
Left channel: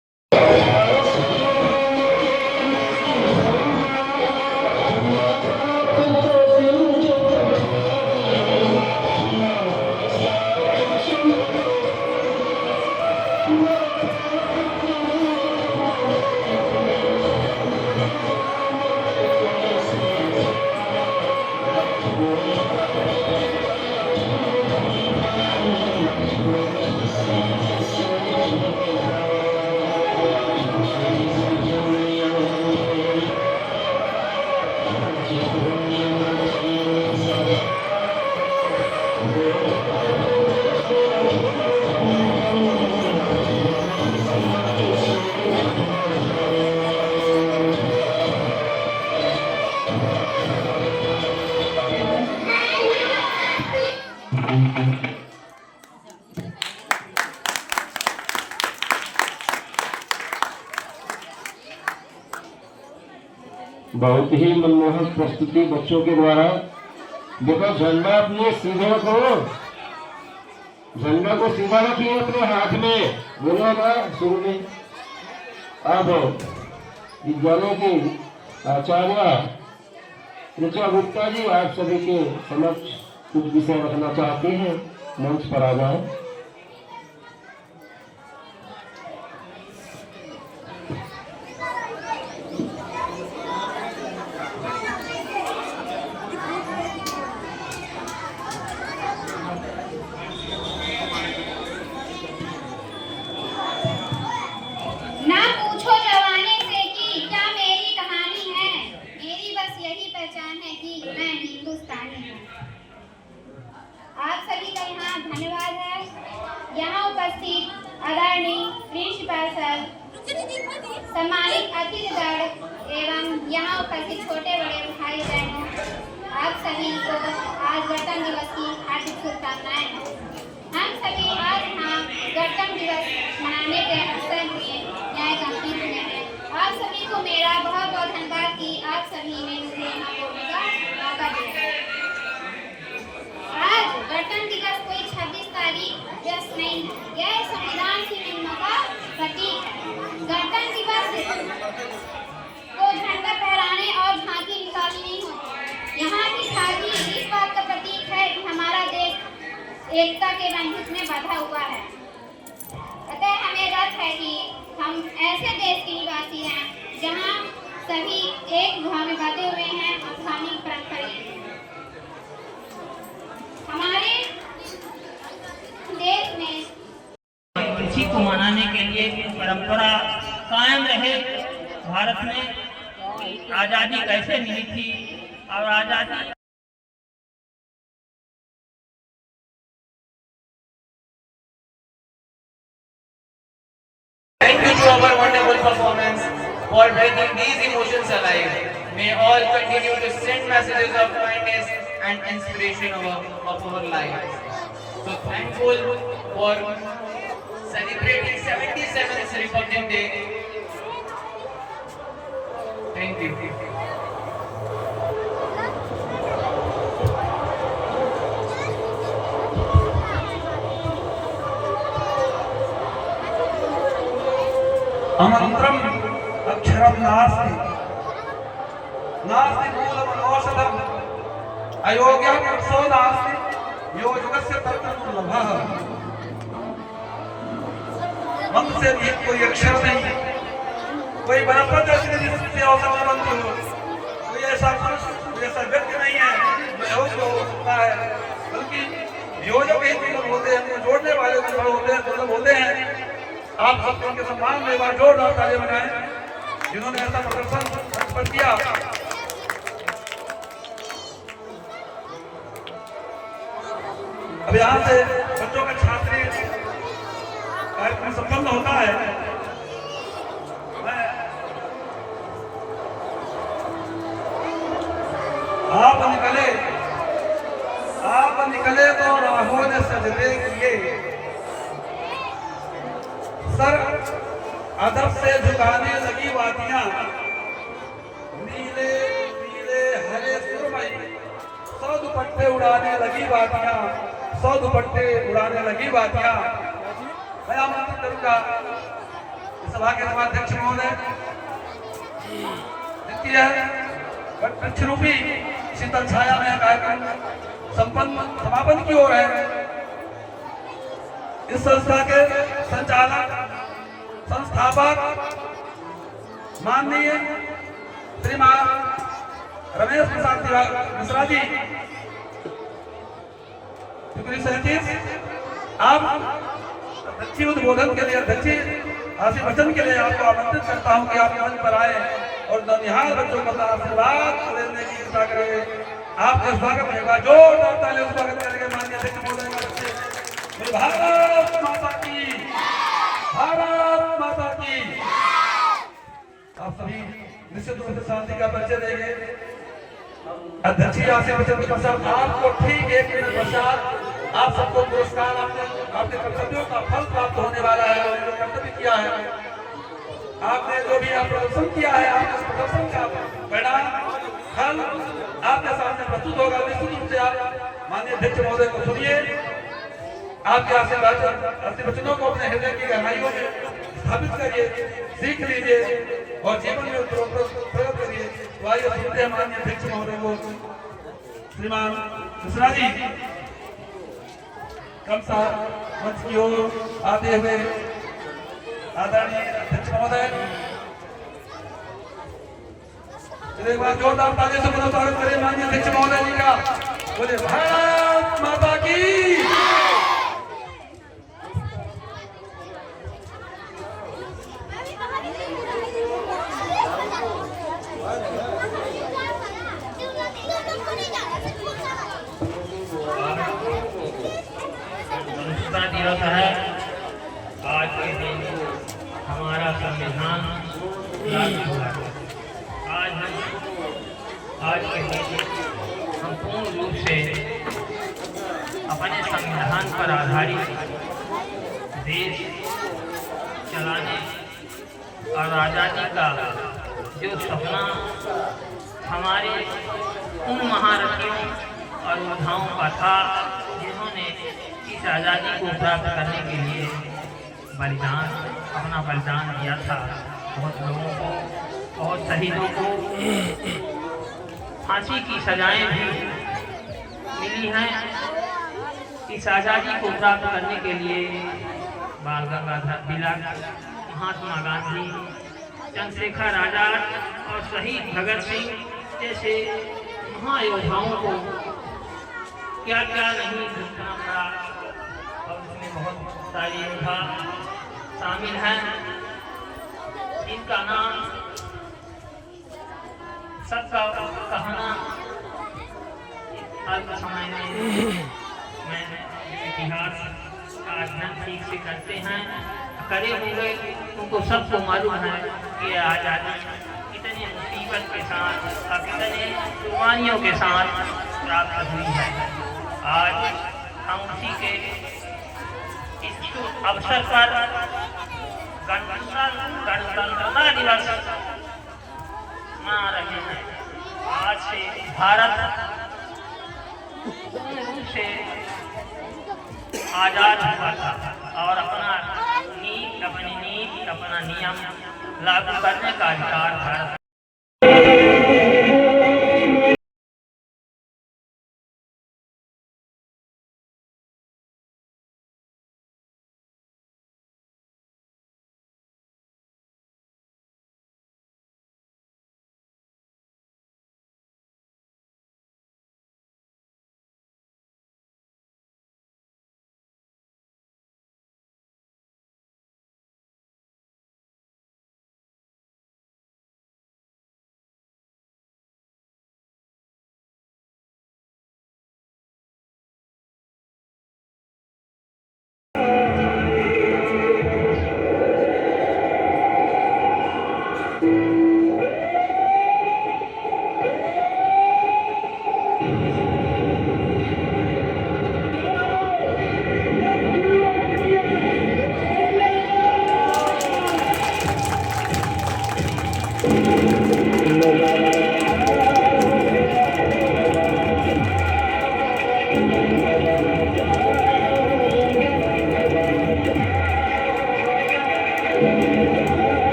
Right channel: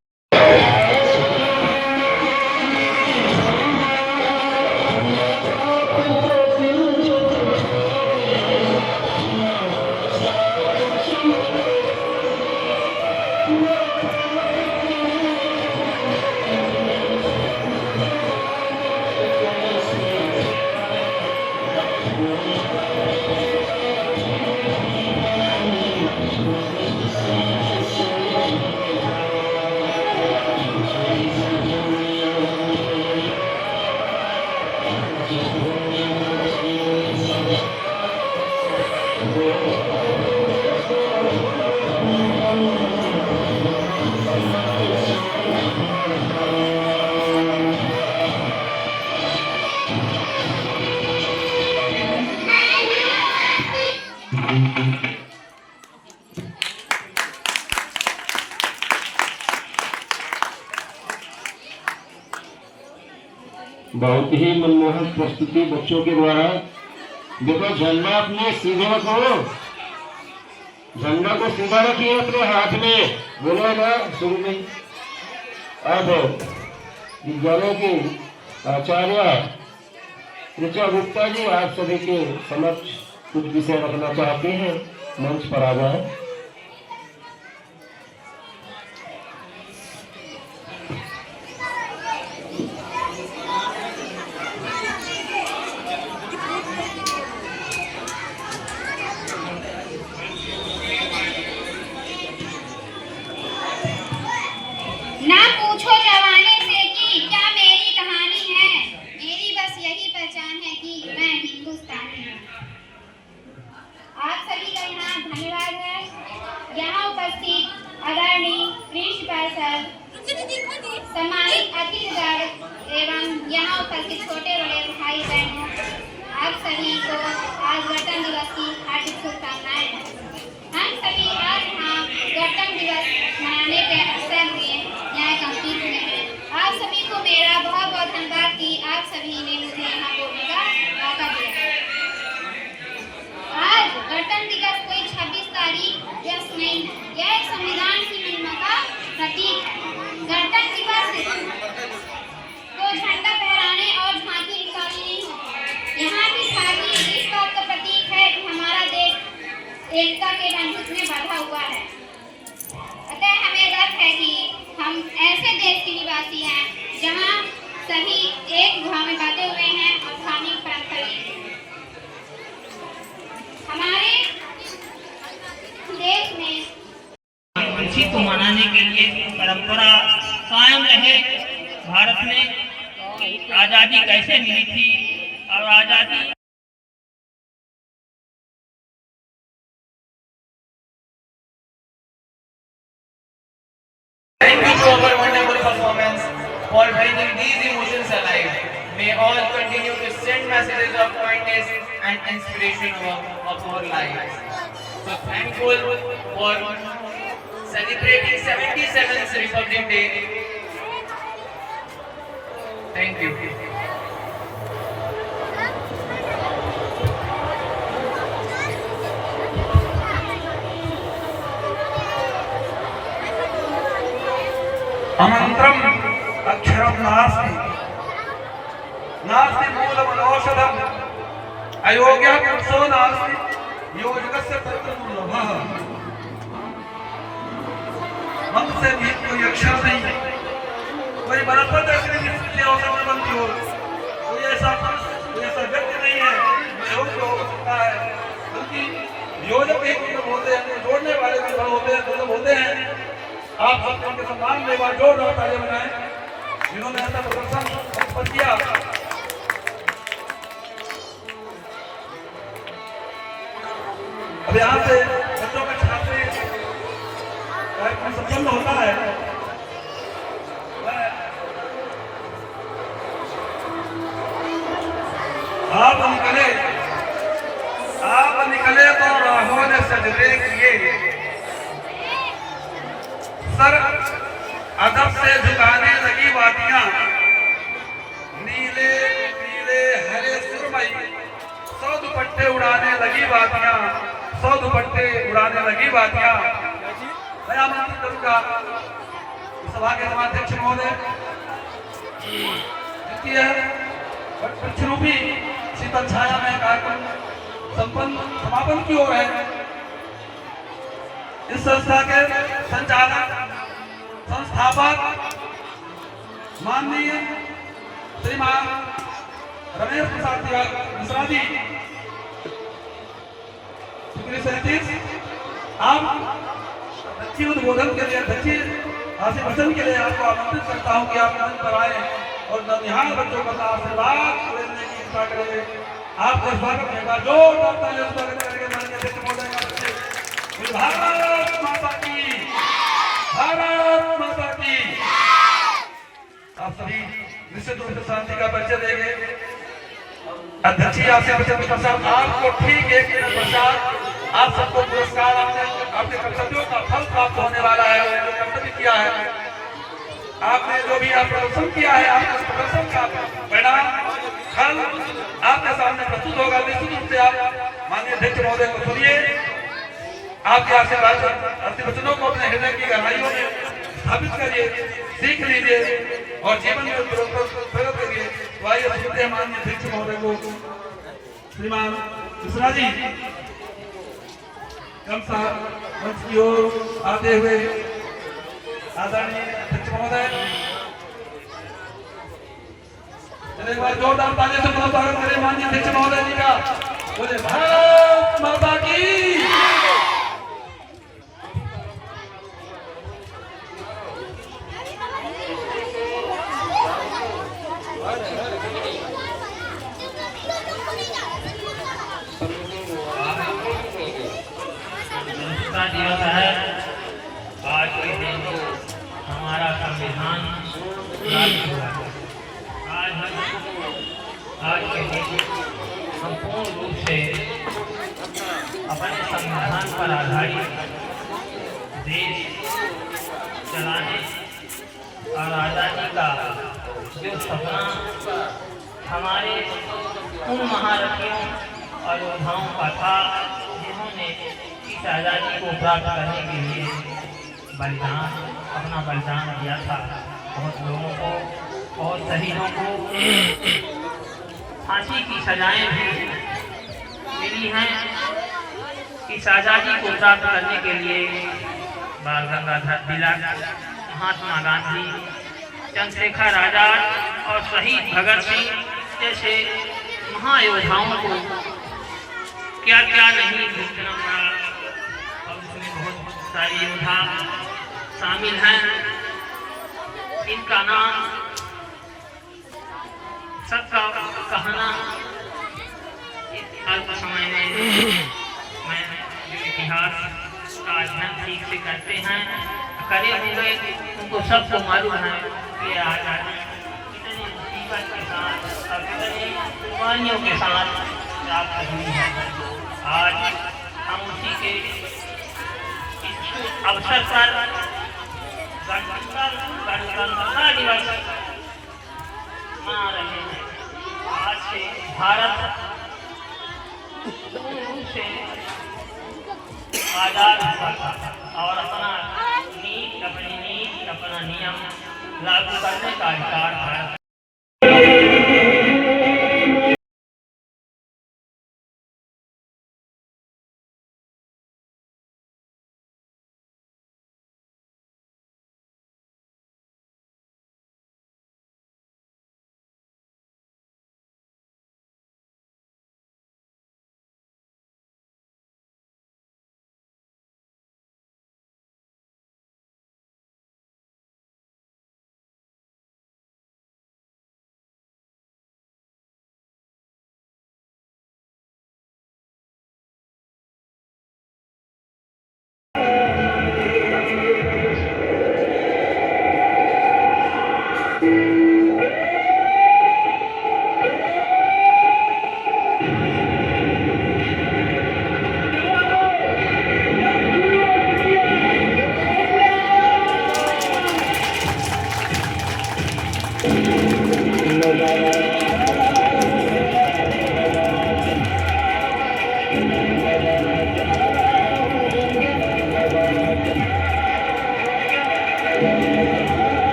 बहुत ही मनमोहक प्रस्तुति बच्चों के द्वारा। देखो, झंडा अपने सीधे रखो, झंडा को सीधा रखिए अपने हाथ में, बोलेगा शुरू में। अब विद्यालय के आचार्य ऋचा गुप्ता जी आप सभी के समक्ष कुछ विषय रखना चाहते हैं, मंच पर आ जाए। ना पूछो जवानी से कि क्या मेरी कहानी है, मेरी बस यही पहचान है कि मैं हिंदुस्तानी हूँ। आप सभी का यहाँ धन्यवाद है। यहाँ उपस्थित आदरणीय प्रिंसिपल सर, सम्मानित अतिथिगण एवं यहाँ उपस्थित छोटे बड़े भाई बहनों, आप सभी को आज गणतंत्र दिवस की हार्दिक शुभकामनाएं हैं। हम सभी आज यहाँ गणतंत्र दिवस मनाने के अवसर हुए न्यायकंपीठ में हैं। आप सभी को मेरा बहुत बहुत धन्यवाद कि आप सभी ने मुझे यहाँ बोलने का मौका दिया। आज गणतंत्र दिवस कोई 26 तारीख व्यस्त नहीं है, यह संविधान की महिमा का प्रतीक है। गणतंत्र दिवस को झंडा फहराने और झांकी निकाली नहीं होती, यहाँ की झांकी इस बात का प्रतीक है कि हमारा देश एकता के बंधन में बंधा हुआ है। अतः हमें गर्व है कि हम ऐसे देश के निवासी हैं जहां सभी एक गुहा में बंधे हुए हैं और धार्मिक परंपरा हमारे देश में खुशी को मनाने के लिए परंपरा कायम रहे। भारत में आज़ादी कैसे मिली थी और आज़ादी Thank you to our wonderful performance for bringing these emotions alive. May all continue to send messages of kindness and inspiration of our lives. So thankful for celebrating 77th Republic Day. Thank you. अमंत्रम अक्षरम नास्ति नास्ति मूलम औषधम अयोग्य पुरुषो नास्ति योजकस्य तत्र दुर्लभः। मंत्र से भी कोई अक्षर नहीं, कोई वनस्पति ऐसी औषध न बनती हो, कोई ऐसा पुरुष कोई ऐसा व्यक्ति नहीं है जो योग्य हो सकता है, बल्कि योजक एक दुर्लभ होते हैं, जोड़ने वाले दुर्लभ होते हैं, दुर्लभ होते हैं। आप सब उनके सम्मान में एक बार जोरदार तालियां बजाएं जिन्होंने ऐसा प्रदर्शन किया। अब यहाँ से बच्चों का छात्रीय कार्यक्रम संपन्न होता है। आप निकले तो राहों ने सजदे किए, सर अदब से झुकाने लगी वादियां, नीले पीले हरे सुरमई, सौ दुपट्टे उड़ाने लगी वादियां, सौ दुपट्टे उड़ाने लगी वादियां। मैं आमंत्रित करूंगा सभा के समाध्यक्ष महोदय द्वितीय वृक्ष रूपी शीतल छाया में कार्यक्रम संपन्न समापन की ओर है। इस संस्था के संचालक संस्थापक माननीय श्रीमान रमेश प्रसाद मिश्रा जी, आप अध्यक्षीय उद्बोधन के लिए अध्यक्षीय आशीर्वचन के लिए आपको आमंत्रित करता हूं कि आप मंच पर आए और नवनिहाल बच्चों का आशीर्वाद लेने की इच्छा करें। आपका स्वागत रहेगा, जोरदार तालियों से स्वागत करेंगे माननीय अध्यक्ष महोदय। भारत माता की, भारत माता की। आप सभी निश्चित रूप से शांति का परिचय देंगे। अध्यक्षीय आशीर्वचन के पश्चात आपको ठीक एक मिनट पश्चात आप सबको पुरस्कार आपके कर्तव्यों का फल प्राप्त होने वाला है। कर्तव्य किया है आपने, जो भी आप प्रदर्शन किया है, आपके प्रदर्शन का परिणाम फल आपके सामने प्रस्तुत होगा। निश्चित रूप से आप माननीय अध्यक्ष महोदय को सुनिए, आपके आशीर्वचनों को अपने हृदय की गहराइयों में स्थापित करिए, सीख लीजिए और जीवन में प्रगत करिए। तो आइए सुनते हैं माननीय अध्यक्ष महोदय को। श्रीमान मिश्रा जी क्रमशः मंच की ओर आते हुए आदरणीय अध्यक्ष महोदय, एक बार जोरदार तालियों से स्वागत करें माननीय अध्यक्ष महोदय जी का। बोले भारत माता की। दिवस है आज के दिन हमारा संविधान लागू हुआ है। आज के दिन हम पूर्ण रूप से अपने संविधान पर आधारित देश चलाने और आज़ादी का जो सपना हमारे उन महारथियों और योद्धाओं का था जिन्होंने इस आज़ादी को प्राप्त करने के लिए अपना बलिदान दिया था। बहुत लोगों को, बहुत शहीदों को फांसी की सजाएं भी मिली हैं। इस आज़ादी को प्राप्त करने के लिए बाल गंगाधर तिलक, महात्मा गांधी, चंद्रशेखर आजाद और शहीद भगत सिंह जैसे महायोद्धाओं को क्या क्या नहीं भुगतना पड़ा। और उसमें बहुत सारे योद्धा शामिल हैं, इनका नाम सबका कहना अल्प समय में मैं इतिहास का अध्ययन ठीक से करते हैं करे हुए उनको सबको मालूम है कि आज़ादी कितने मुसीबत के साथ और कितने कुर्बानियों के साथ प्राप्त हुई है। आज हम उसी के इच्छुक अवसर पर गणतंत्रता दिवस मना रहे हैं। आज से भारत पूर्ण रूप से आजाद हुआ था और अपना नीति अपना नियम लागू करने का अधिकार भारत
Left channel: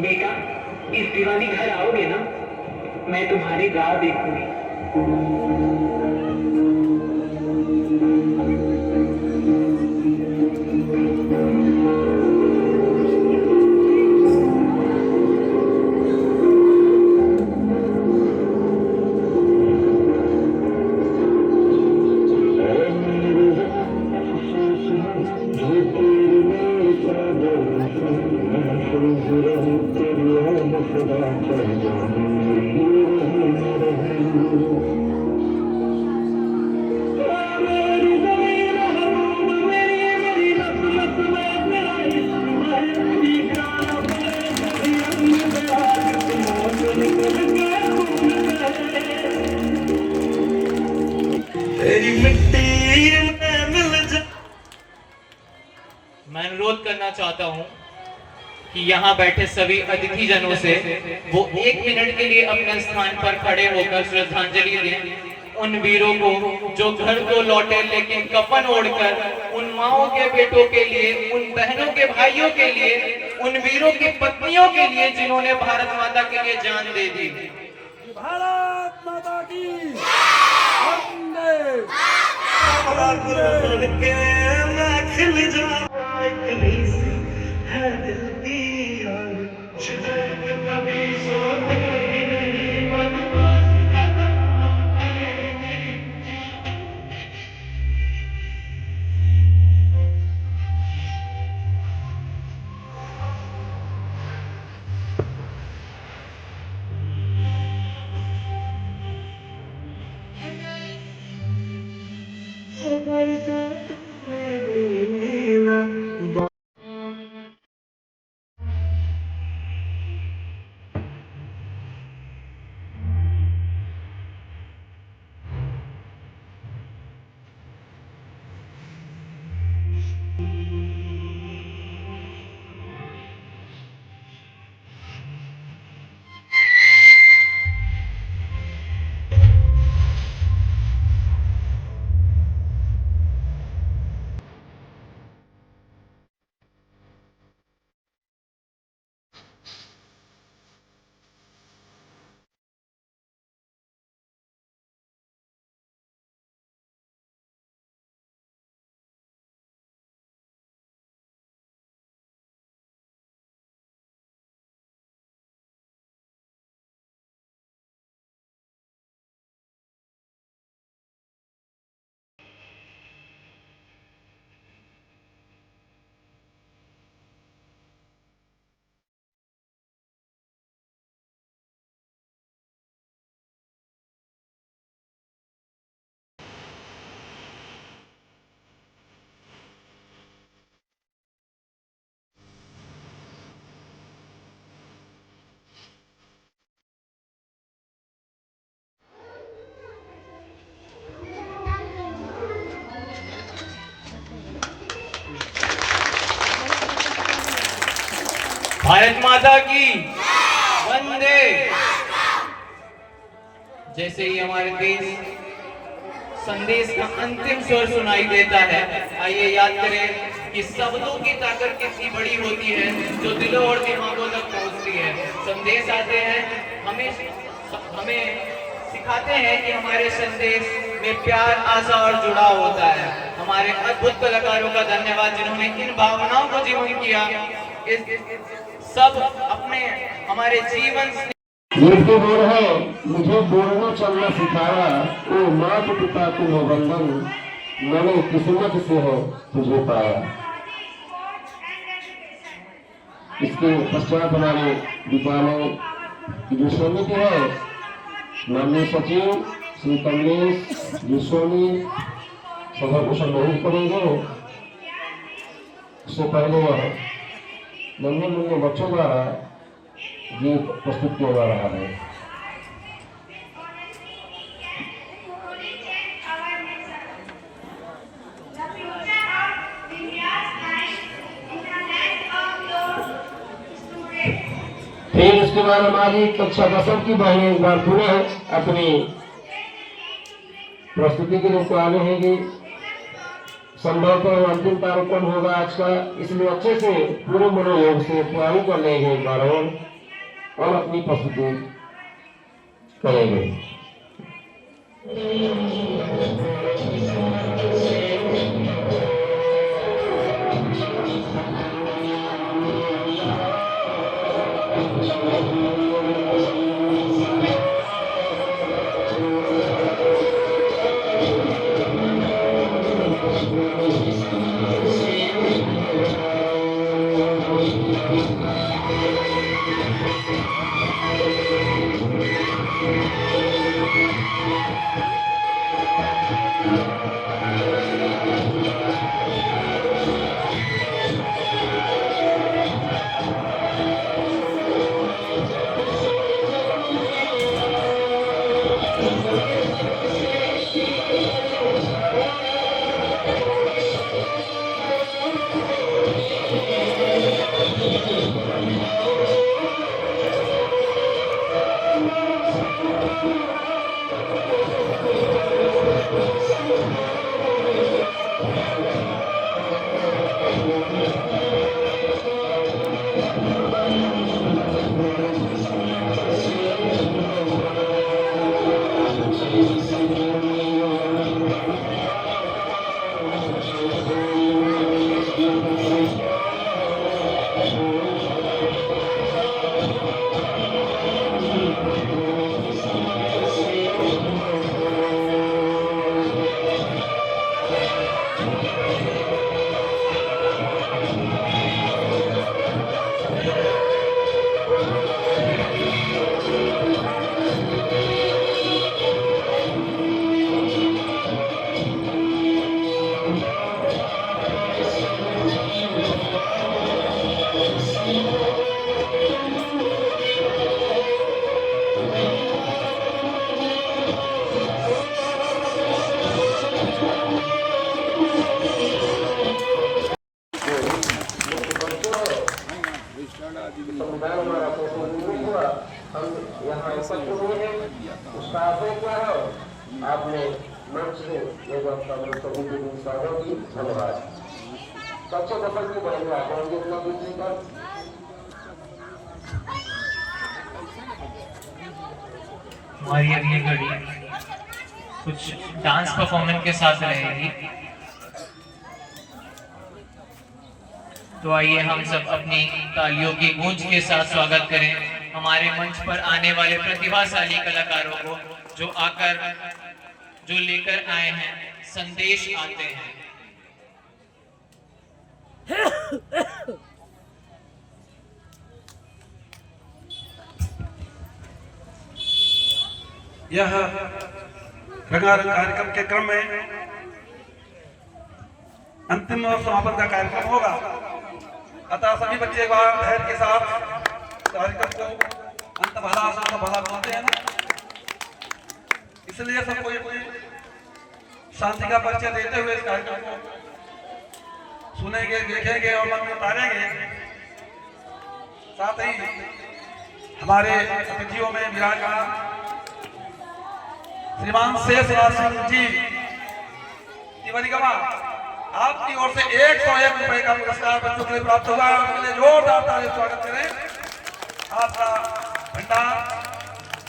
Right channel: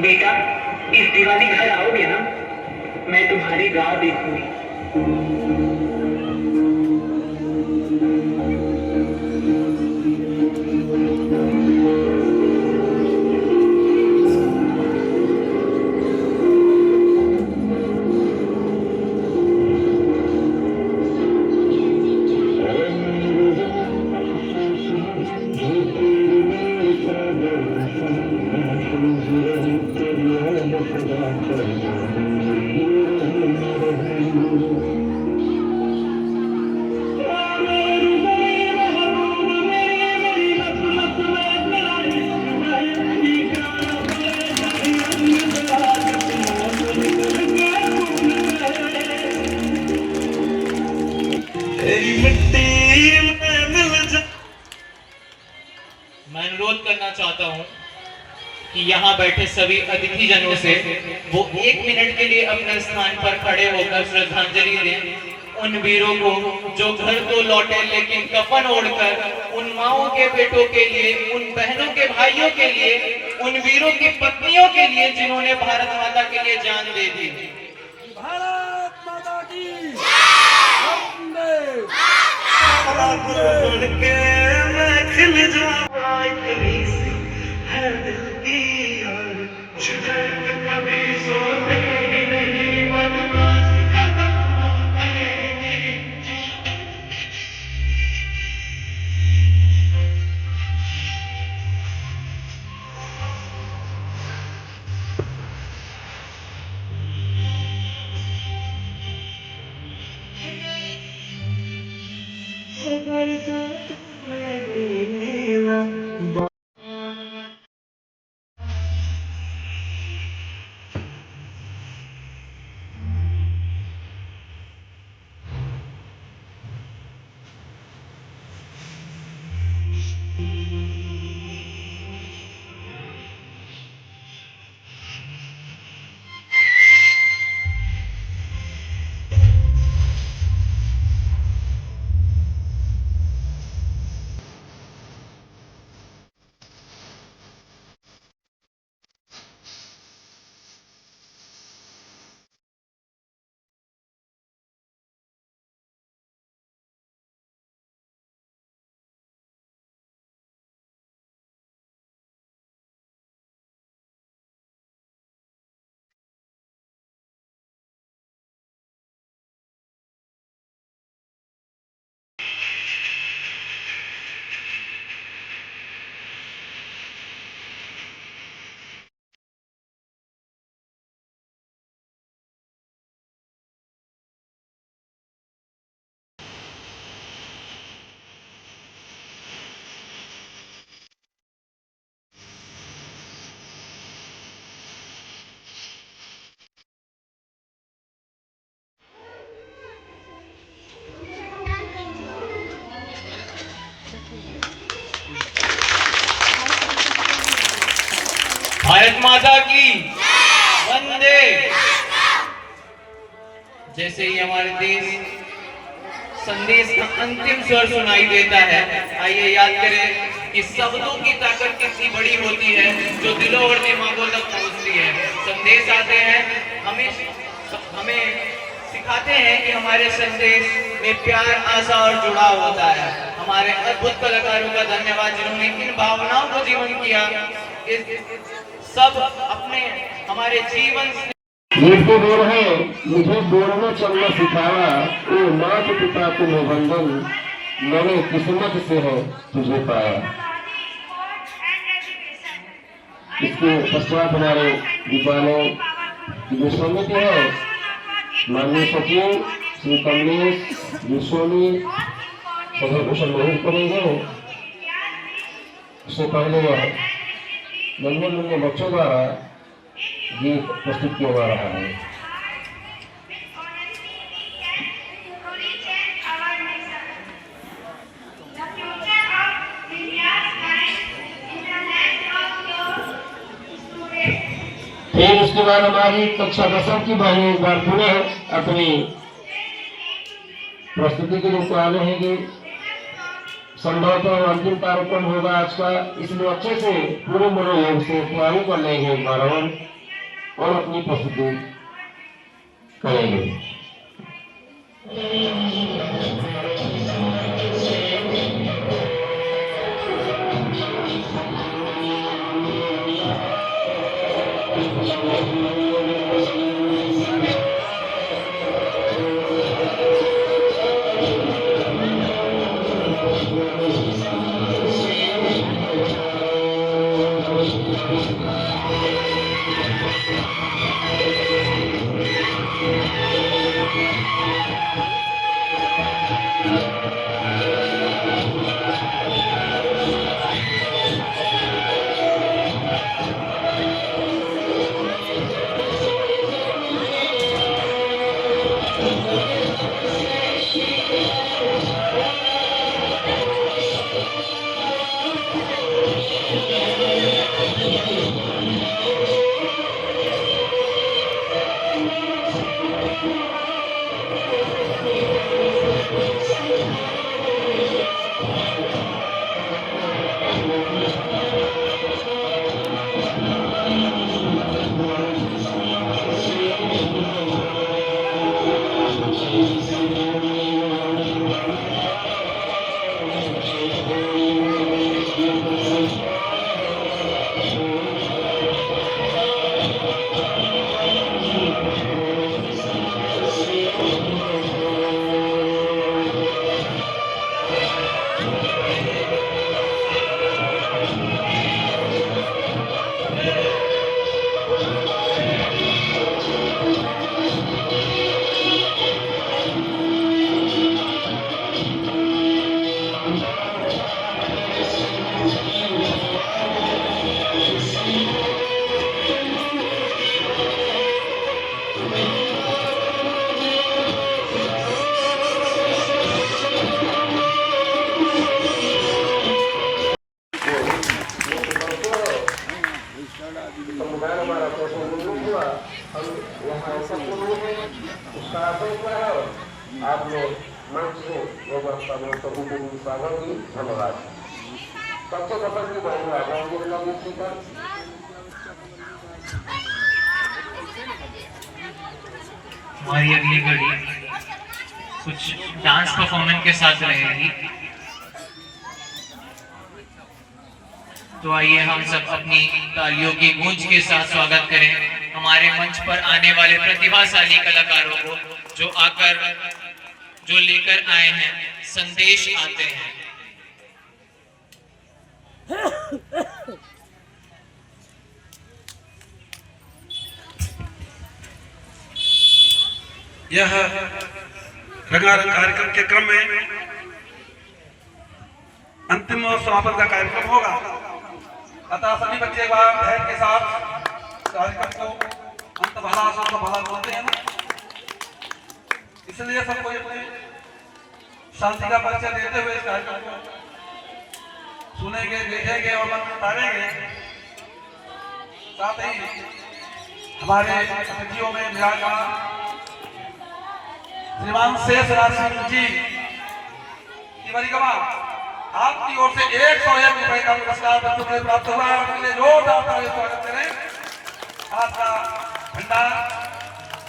बेटा, इस दिवाली घर आओगे ना? मैं तुम्हारी राह देखूंगी। मैं अनुरोध करना चाहता हूं कि यहाँ बैठे सभी अतिथि जनों से वो 1 मिनट के लिए अपने स्थान पर खड़े होकर श्रद्धांजलि दें उन वीरों को जो घर को लौटे लेकिन कफन ओढ़कर उन माओं के बेटों के लिए, उन बहनों के भाइयों के लिए, उन वीरों की पत्नियों के लिए जिन्होंने भारत माता के लिए जान दे दी। भारत माता की माता की वंदे। जैसे ही हमारे देश संदेश का अंतिम स्वर सुनाई देता है, आइए याद करें कि शब्दों की ताकत कितनी बड़ी होती है जो दिलों और दिमागों तक पहुंचती है। संदेश आते हैं, हमें सिखाते हैं कि हमारे संदेश में प्यार, आशा और जुड़ाव होता है। हमारे अद्भुत कलाकारों का धन्यवाद जिन्होंने इन भावनाओं को जीवन किया। इस सब अपने हमारे जीवन से ये बोल है, मुझे बोलना चलना सिखाया, ओ माता पिता को वंदन, मैंने किस्मत से है तुझे पाया। इसके पश्चात हमारे विद्यालय की जो समिति है, माननीय सचिव श्री कमलेश गोस्वामी सभा को संबोधित करेंगे। उससे पहले नन्हे मुन्ने बच्चों द्वारा गीत प्रस्तुत किया जा रहा है। फिर उसके बाद हमारी कक्षा 10 की बहनें एक बार पुनः अपनी प्रस्तुति के रूप में आने हैं। संभवतः अंतिम कार्यक्रम होगा आज का, इसलिए अच्छे से पूरे मनोयोग से तैयारी कर लेंगे एक बार और अपनी प्रस्तुति करेंगे। आपने मंच से धन्यवाद। सबसे पसंद की महिला हमारी अगली घड़ी कुछ डांस परफॉर्मेंस के साथ रहेगी। तो आइए हम सब अपनी तालियों की गूंज के साथ स्वागत करें हमारे मंच पर आने वाले प्रतिभाशाली कलाकारों को, जो लेकर आए हैं संदेश आते हैं। यह रंगारंग कार्यक्रम के क्रम में अंतिम और समापन का कार्यक्रम होगा, अतः सभी बच्चे एक बार धैर्य के साथ कार्यक्रम को अंत भला आसान भला बोलते हैं ना, इसलिए सबको अपनी शांति का परिचय देते हुए इस कार्यक्रम को सुनेंगे, देखेंगे और मन में उतारेंगे। साथ ही हमारे अतिथियों में विराजमान श्रीमान शेषराज सिंह जी तिवारी गवा, आपकी ओर से 101 रुपए का पुरस्कार बच्चों के लिए प्राप्त हुआ है। उनके लिए जोरदार तालियों से स्वागत करें। आपका भंडार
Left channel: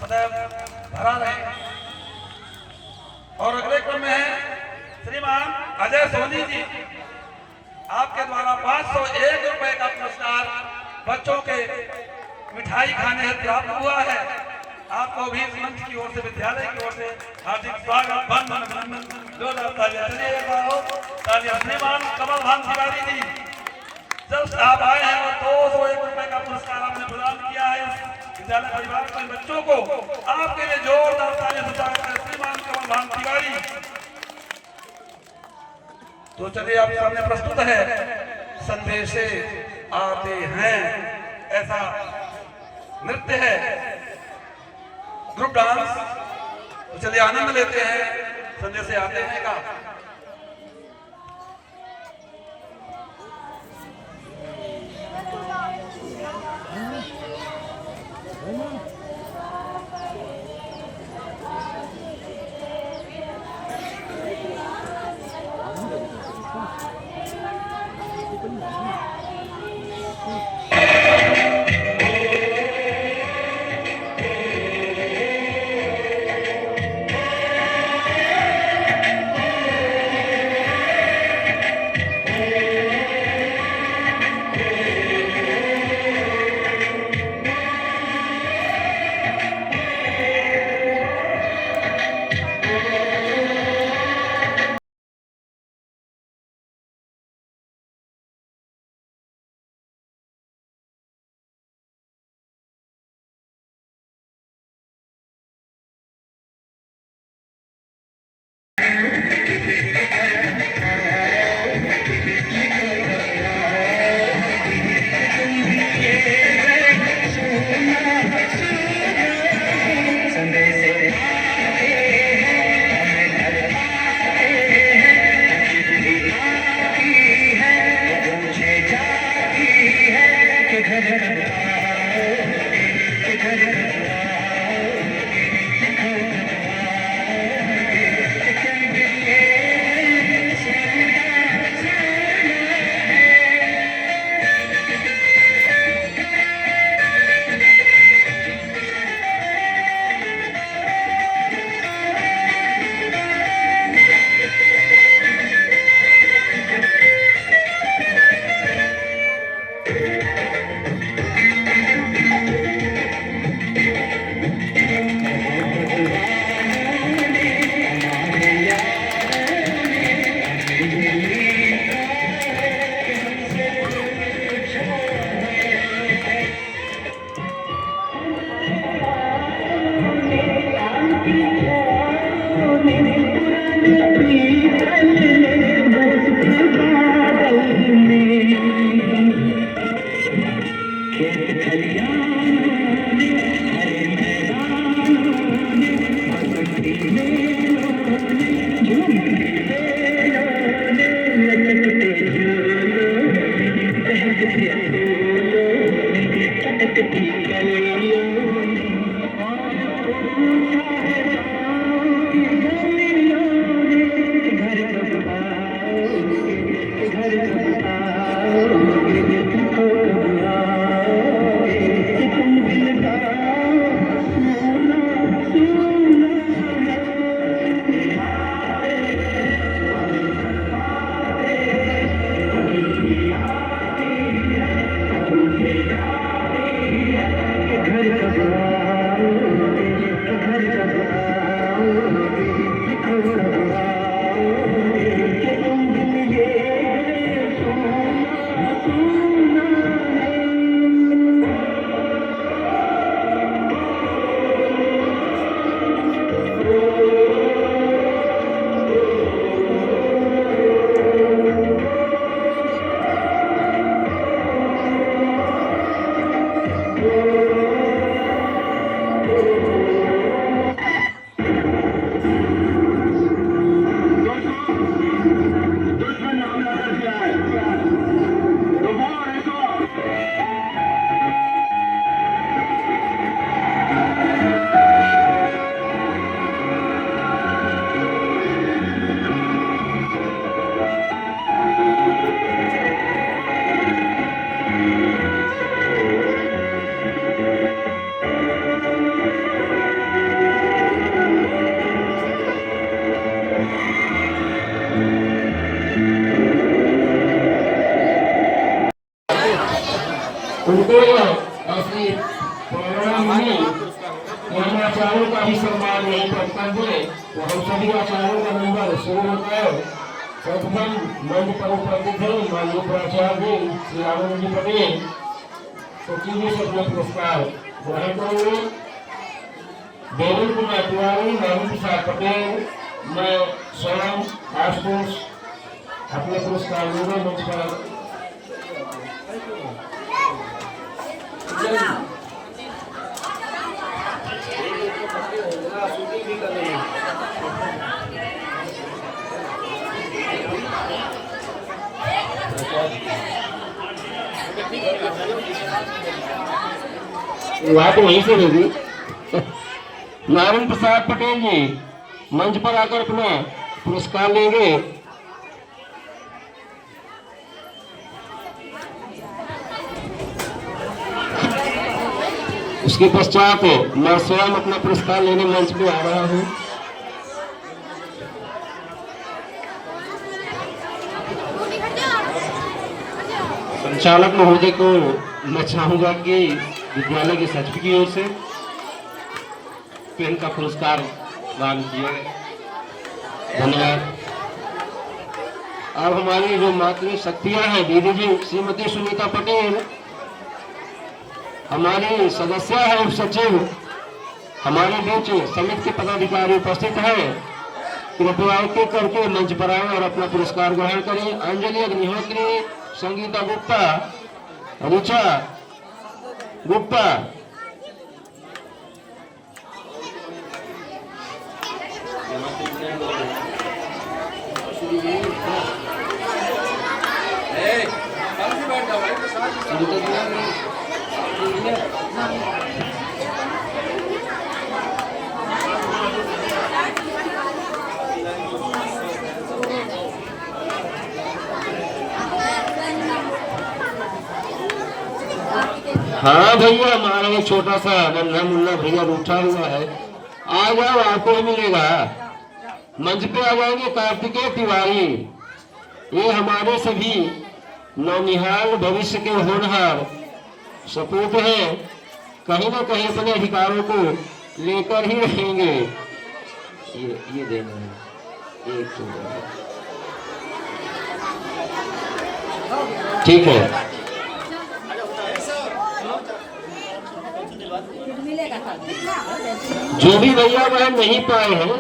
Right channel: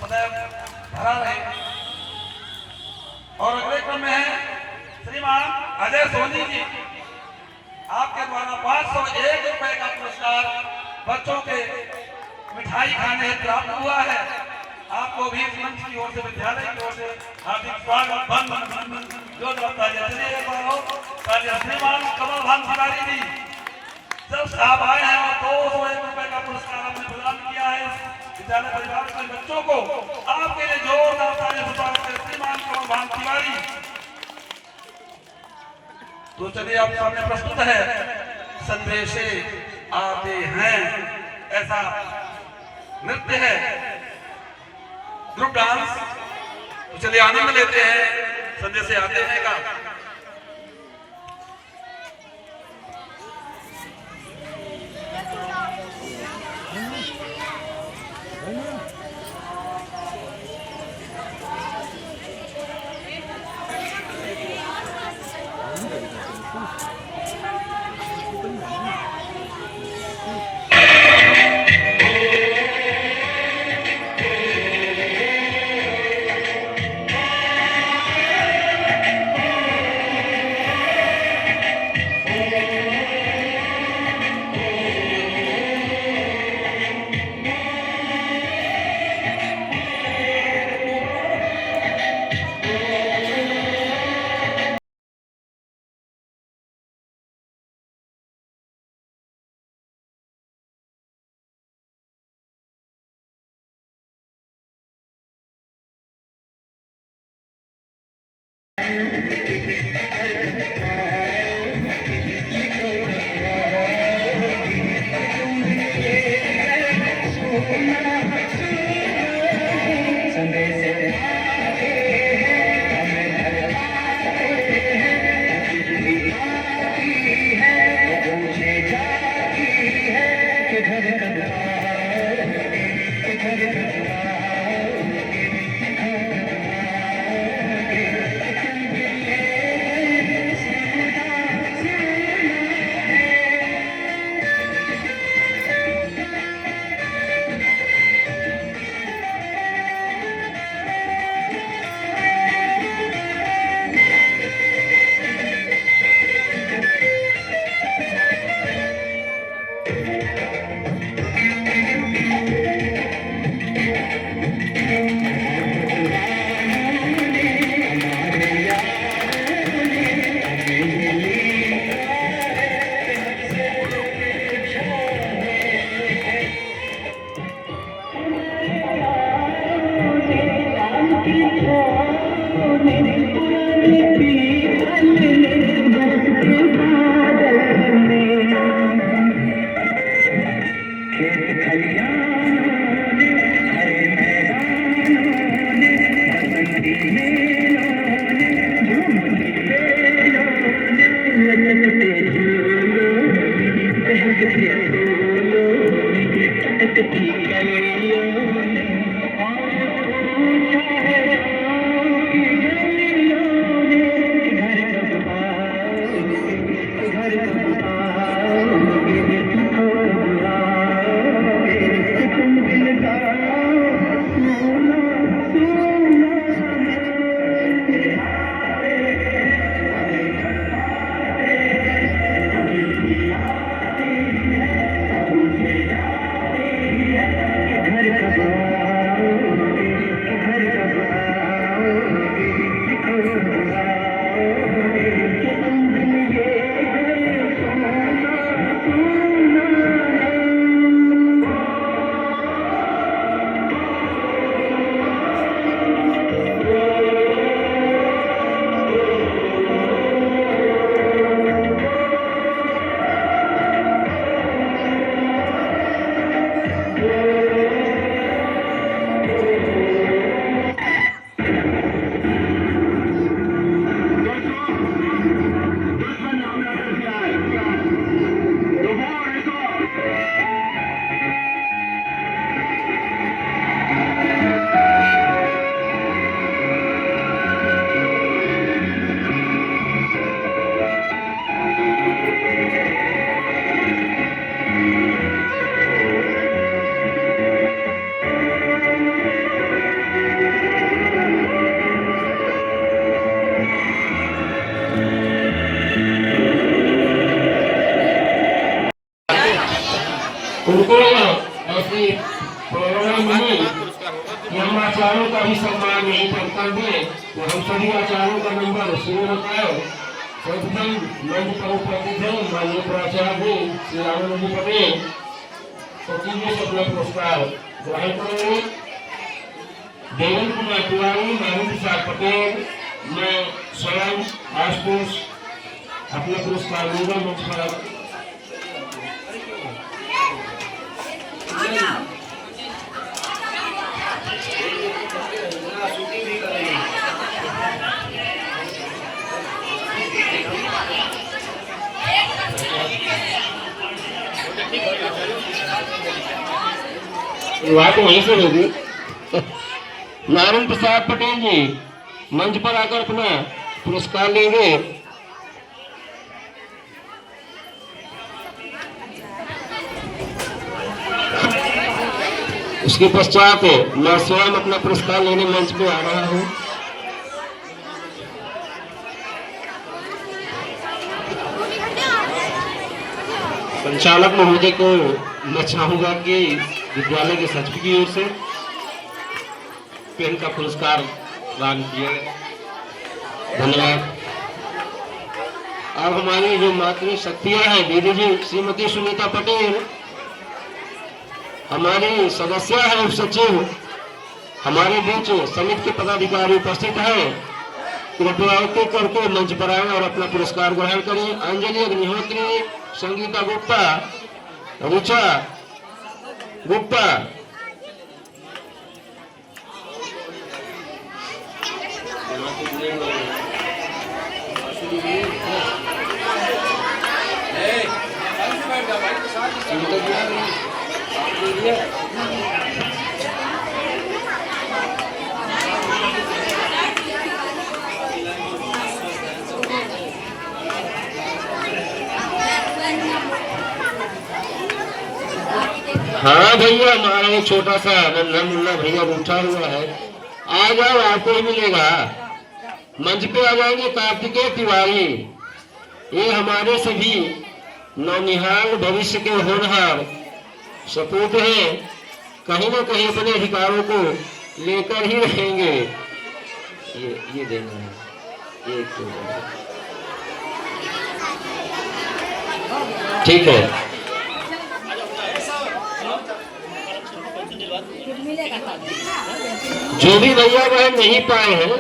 सदैव भरा रहे। और अगले क्रम में है श्रीमान अजय सोनी जी, आपके द्वारा 501 रुपए का पुरस्कार बच्चों के मिठाई खाने हेतु प्राप्त हुआ है। आपको भी मंच की ओर से, विद्यालय की ओर से हार्दिक स्वागत। श्रीमान कमल भान तिवारी जी, जब आप आए हैं और 201 रुपए का पुरस्कार आपने प्रदान किया है विद्यालय परिवार के बच्चों को, आपके लिए जोरदार तालियों से स्वागत है श्रीमान कमल भान तिवारी। तो चलिए आप सामने प्रस्तुत है संदेशे आते हैं, ऐसा नृत्य है, ग्रुप डांस। तो चलिए आनंद लेते हैं संदेशे आते हैं का। घर प्रेरणा मिली कि हम आचार्यों का भी सम्मान यही कर्तव्य, तो हम सभी आचार्यों का नंबर शुरू होता है। सर्वप्रथम मंच पर उपस्थित है माननीय प्राचार्य श्री रामानंद जी पटेल, सचिव जी से अपना पुरस्कार ग्रहण करेंगे। देवेंद्र कुमार तिवारी, माननीय प्रसाद पटेल, मैं स्वयं आशुतोष अपने पुरस्कार लेंगे मंच पर। बात वहीं से होगी। नारायण प्रसाद पटेल जी मंच पर आकर अपना पुरस्कार लेंगे। उसके पश्चात मैं स्वयं अपना पुरस्कार लेने मंच पे आ रहा हूँ। संचालक महोदय को मैं चाहूंगा कि विद्यालय के सचिव की ओर से पेन का पुरस्कार प्रदान किया। धन्यवाद। अब हमारी जो मातृ शक्तियां हैं दीदी जी श्रीमती सुनीता पटेल, हमारी सदस्य है उप सचिव, हमारे बीच समिति के पदाधिकारी उपस्थित हैं। कृपया एक करके मंच पर आए और अपना पुरस्कार ग्रहण करें। अंजलि अग्निहोत्री, संगीता गुप्ता, ऋचा गुप्ता, हाँ भैया, हमारा एक छोटा सा नन्हा मुन्ना भैया उठा हुआ है, आ जाओ, आपको ही मिलेगा। मंच पे आ जाएंगे कार्तिकेय तिवारी, ये हमारे सभी नौनिहाल भविष्य के होनहार सपूत हैं, कहीं ना कहीं अपने अधिकारों को लेकर ही रहेंगे। ये देना है, ये तो ठीक है। जो भी भैया बहन नहीं पाए हैं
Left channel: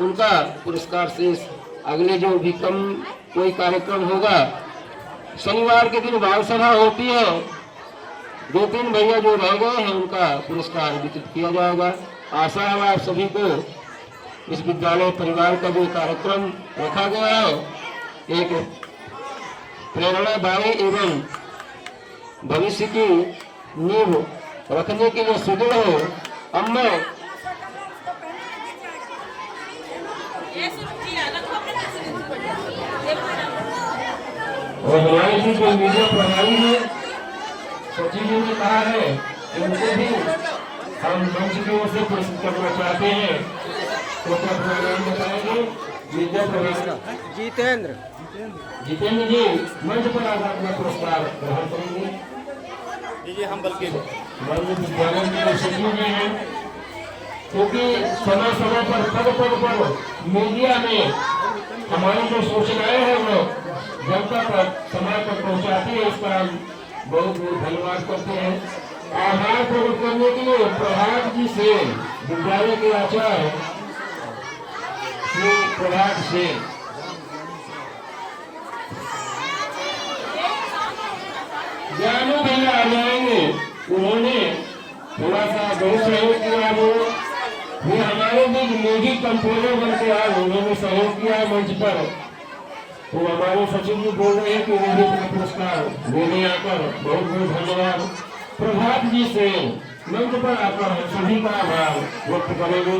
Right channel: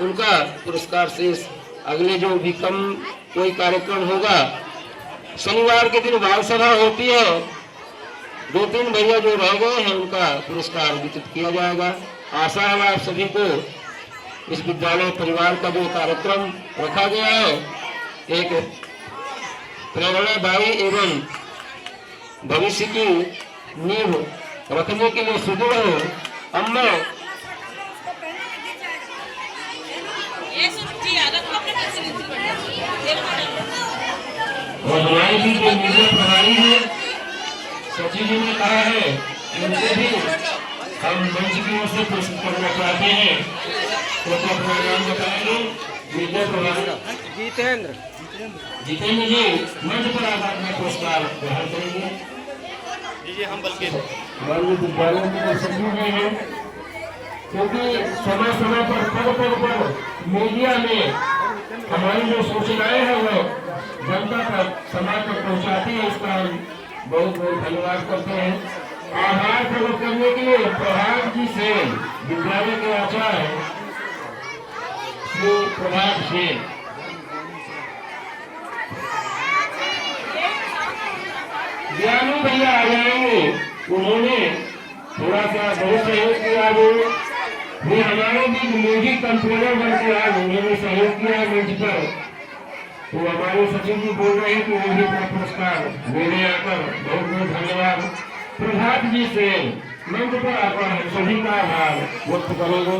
उनका पुरस्कार शेष अगले जो भी कम कोई कार्यक्रम होगा, शनिवार के दिन बाल सभा होती है, 2-3 भैया जो रह गए हैं उनका पुरस्कार वितरित किया जाएगा। आशा है आप सभी को इस विद्यालय परिवार का जो कार्यक्रम रखा गया है एक प्रेरणादायी एवं भविष्य की नींव रखने के लिए सुदृढ़ हो। अम्मा और हमारी भी जो मीडिया प्रणाली है, सचिव जी ने कहा है उनसे भी हम मंच की ओर से पुरस्कृत करना चाहते हैं, तो अपना प्रोग्राम बताएंगे। मीडिया प्रणाली जितेंद्र जी मंच पर आकर अपना पुरस्कार ग्रहण करेंगे। हमारे विद्यालय के सचिव हैं, क्योंकि समय समय पर पद पर मीडिया में हमारी जो सूचनाएं हैं वो जनता तक समाज तक पहुंचाती है, इस पर हम बहुत बहुत धन्यवाद करते हैं। आभार प्रकट करने के लिए प्रभात जी सेन, विद्यालय के आचार्य श्री प्रभात सेन, ज्ञानू भैया आ जाएंगे, उन्होंने थोड़ा सा बहुत सहयोग किया। वो हमारे भी म्यूजिक कंट्रोलर बन के आए, उन्होंने सहयोग किया मंच पर। तो हमारे सचिव जी बोल रहे हैं कि मुझे अपना पुरस्कार देने आकर बहुत बहुत धन्यवाद। प्रभात जी से मंच पर आकर हम सभी का आभार व्यक्त करेंगे।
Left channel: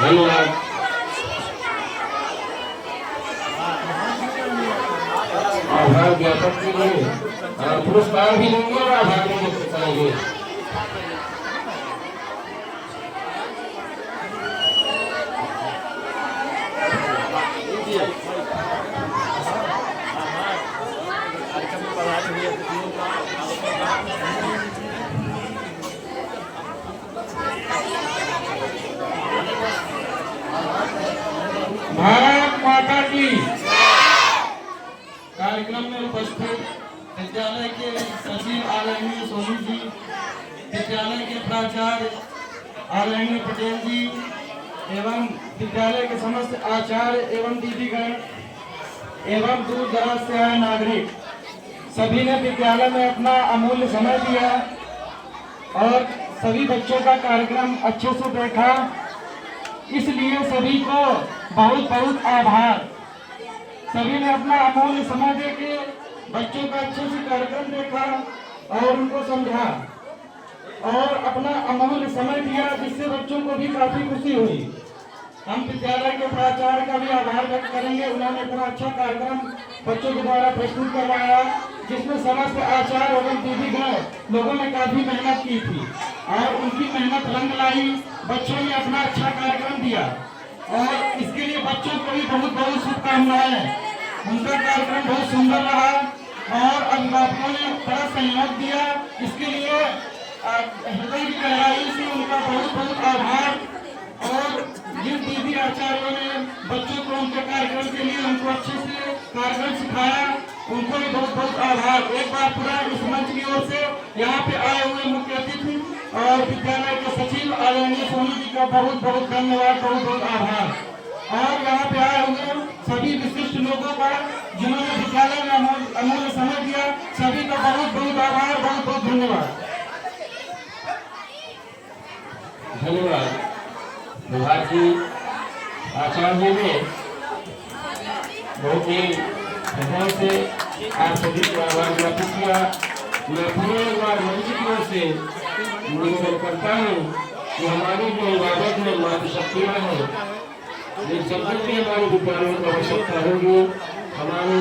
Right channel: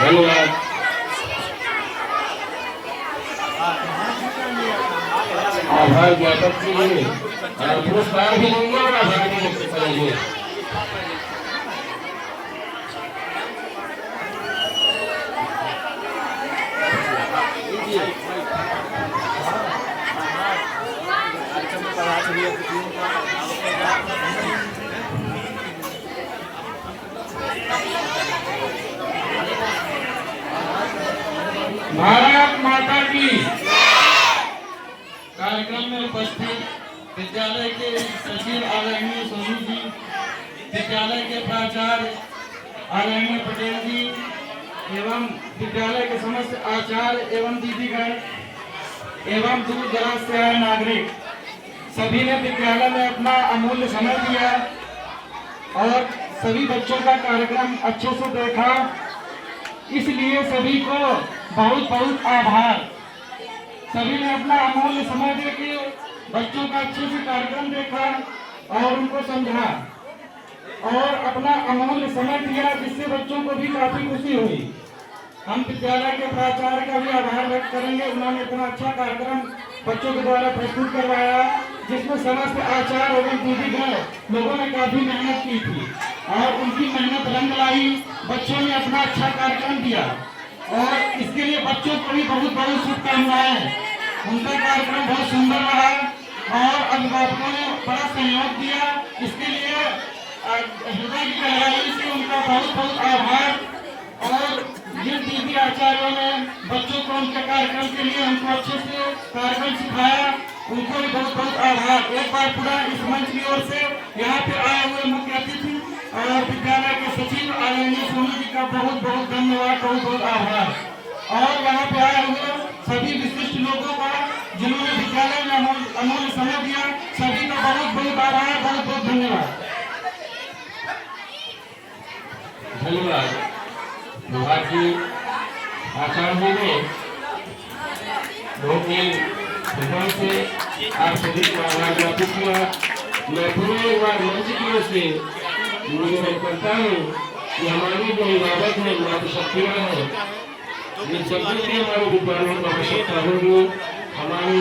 धन्यवाद। आभार ज्ञापन के लिए पुरस्कार भी लेंगे और आभार भी व्यक्त करेंगे। भारत माता की। कार्यक्रम में उपस्थित विद्यालय के सचिव आदरणीय सोनी जी, विद्यालय के प्राचार्य आदरणीय पटेल जी एवं विद्यालय के समस्त आचार्य एवं दीदीगण एवं दूर दराज से आए नागरिक, सभी ने विद्यालय में अपना अमूल्य समय दिया और सभी बच्चों का कार्यक्रम अच्छे से देखा। इसलिए सभी को बहुत बहुत आभार। सभी ने अपना अमूल्य समय देके बच्चों का अच्छे से कार्यक्रम देखा और उनको समझा और अपना अमूल्य समय दिया, जिससे बच्चों को भी काफी खुशी हुई। हम विद्यालय के प्राचार्य का भी आभार व्यक्त करेंगे। उन्होंने इतना अच्छा कार्यक्रम बच्चों के द्वारा प्रस्तुत करवाया, जिसमें समस्त आचार्य एवं दीदीगण लोगों ने काफी मेहनत की थी और उनकी मेहनत रंग लाई। बच्चों ने अपना अच्छा कार्यक्रम दिया और इसके लिए बच्चों को भी बहुत बहुत शुभकामनाएं। उनका कार्यक्रम बहुत सुंदर रहा और अभिभावकों ने बड़ा सहयोग दिया। इसके लिए हृदय की गहराई से उनका बहुत बहुत आभार। और जिन दीदी आचार्यों ने बच्चों को उनके कार्यक्रम के लिए उनको अच्छे से कार्यक्रम सिखाया, उनको भी बहुत बहुत आभार। एक बार पूरा इस मंच की ओर से यहाँ पे आए हुए मुख्य अतिथि और विद्यालय के सचिव आदरणीय सोनी जी का बहुत बहुत धन्यवाद, बहुत बहुत आभार। और यहाँ पे आए हुए सभी विशिष्ट लोगों का, जिन्होंने विद्यालय में अमूल्य समय दिया, सभी का बहुत बहुत आभार, बहुत बहुत धन्यवाद। धन्यवाद। भारतीय आचार्य जी ने बहुत ही हृदय से आप सभी को आभार ज्ञापित किया। मैं पूरे एक बार मंच की ओर से निवेदन करता हूँ कि हमारी जो इबादत है, मातृशक्तियाँ हैं, ये सब की हमारे विद्यालयों की आवश्यकता होगी। हमारे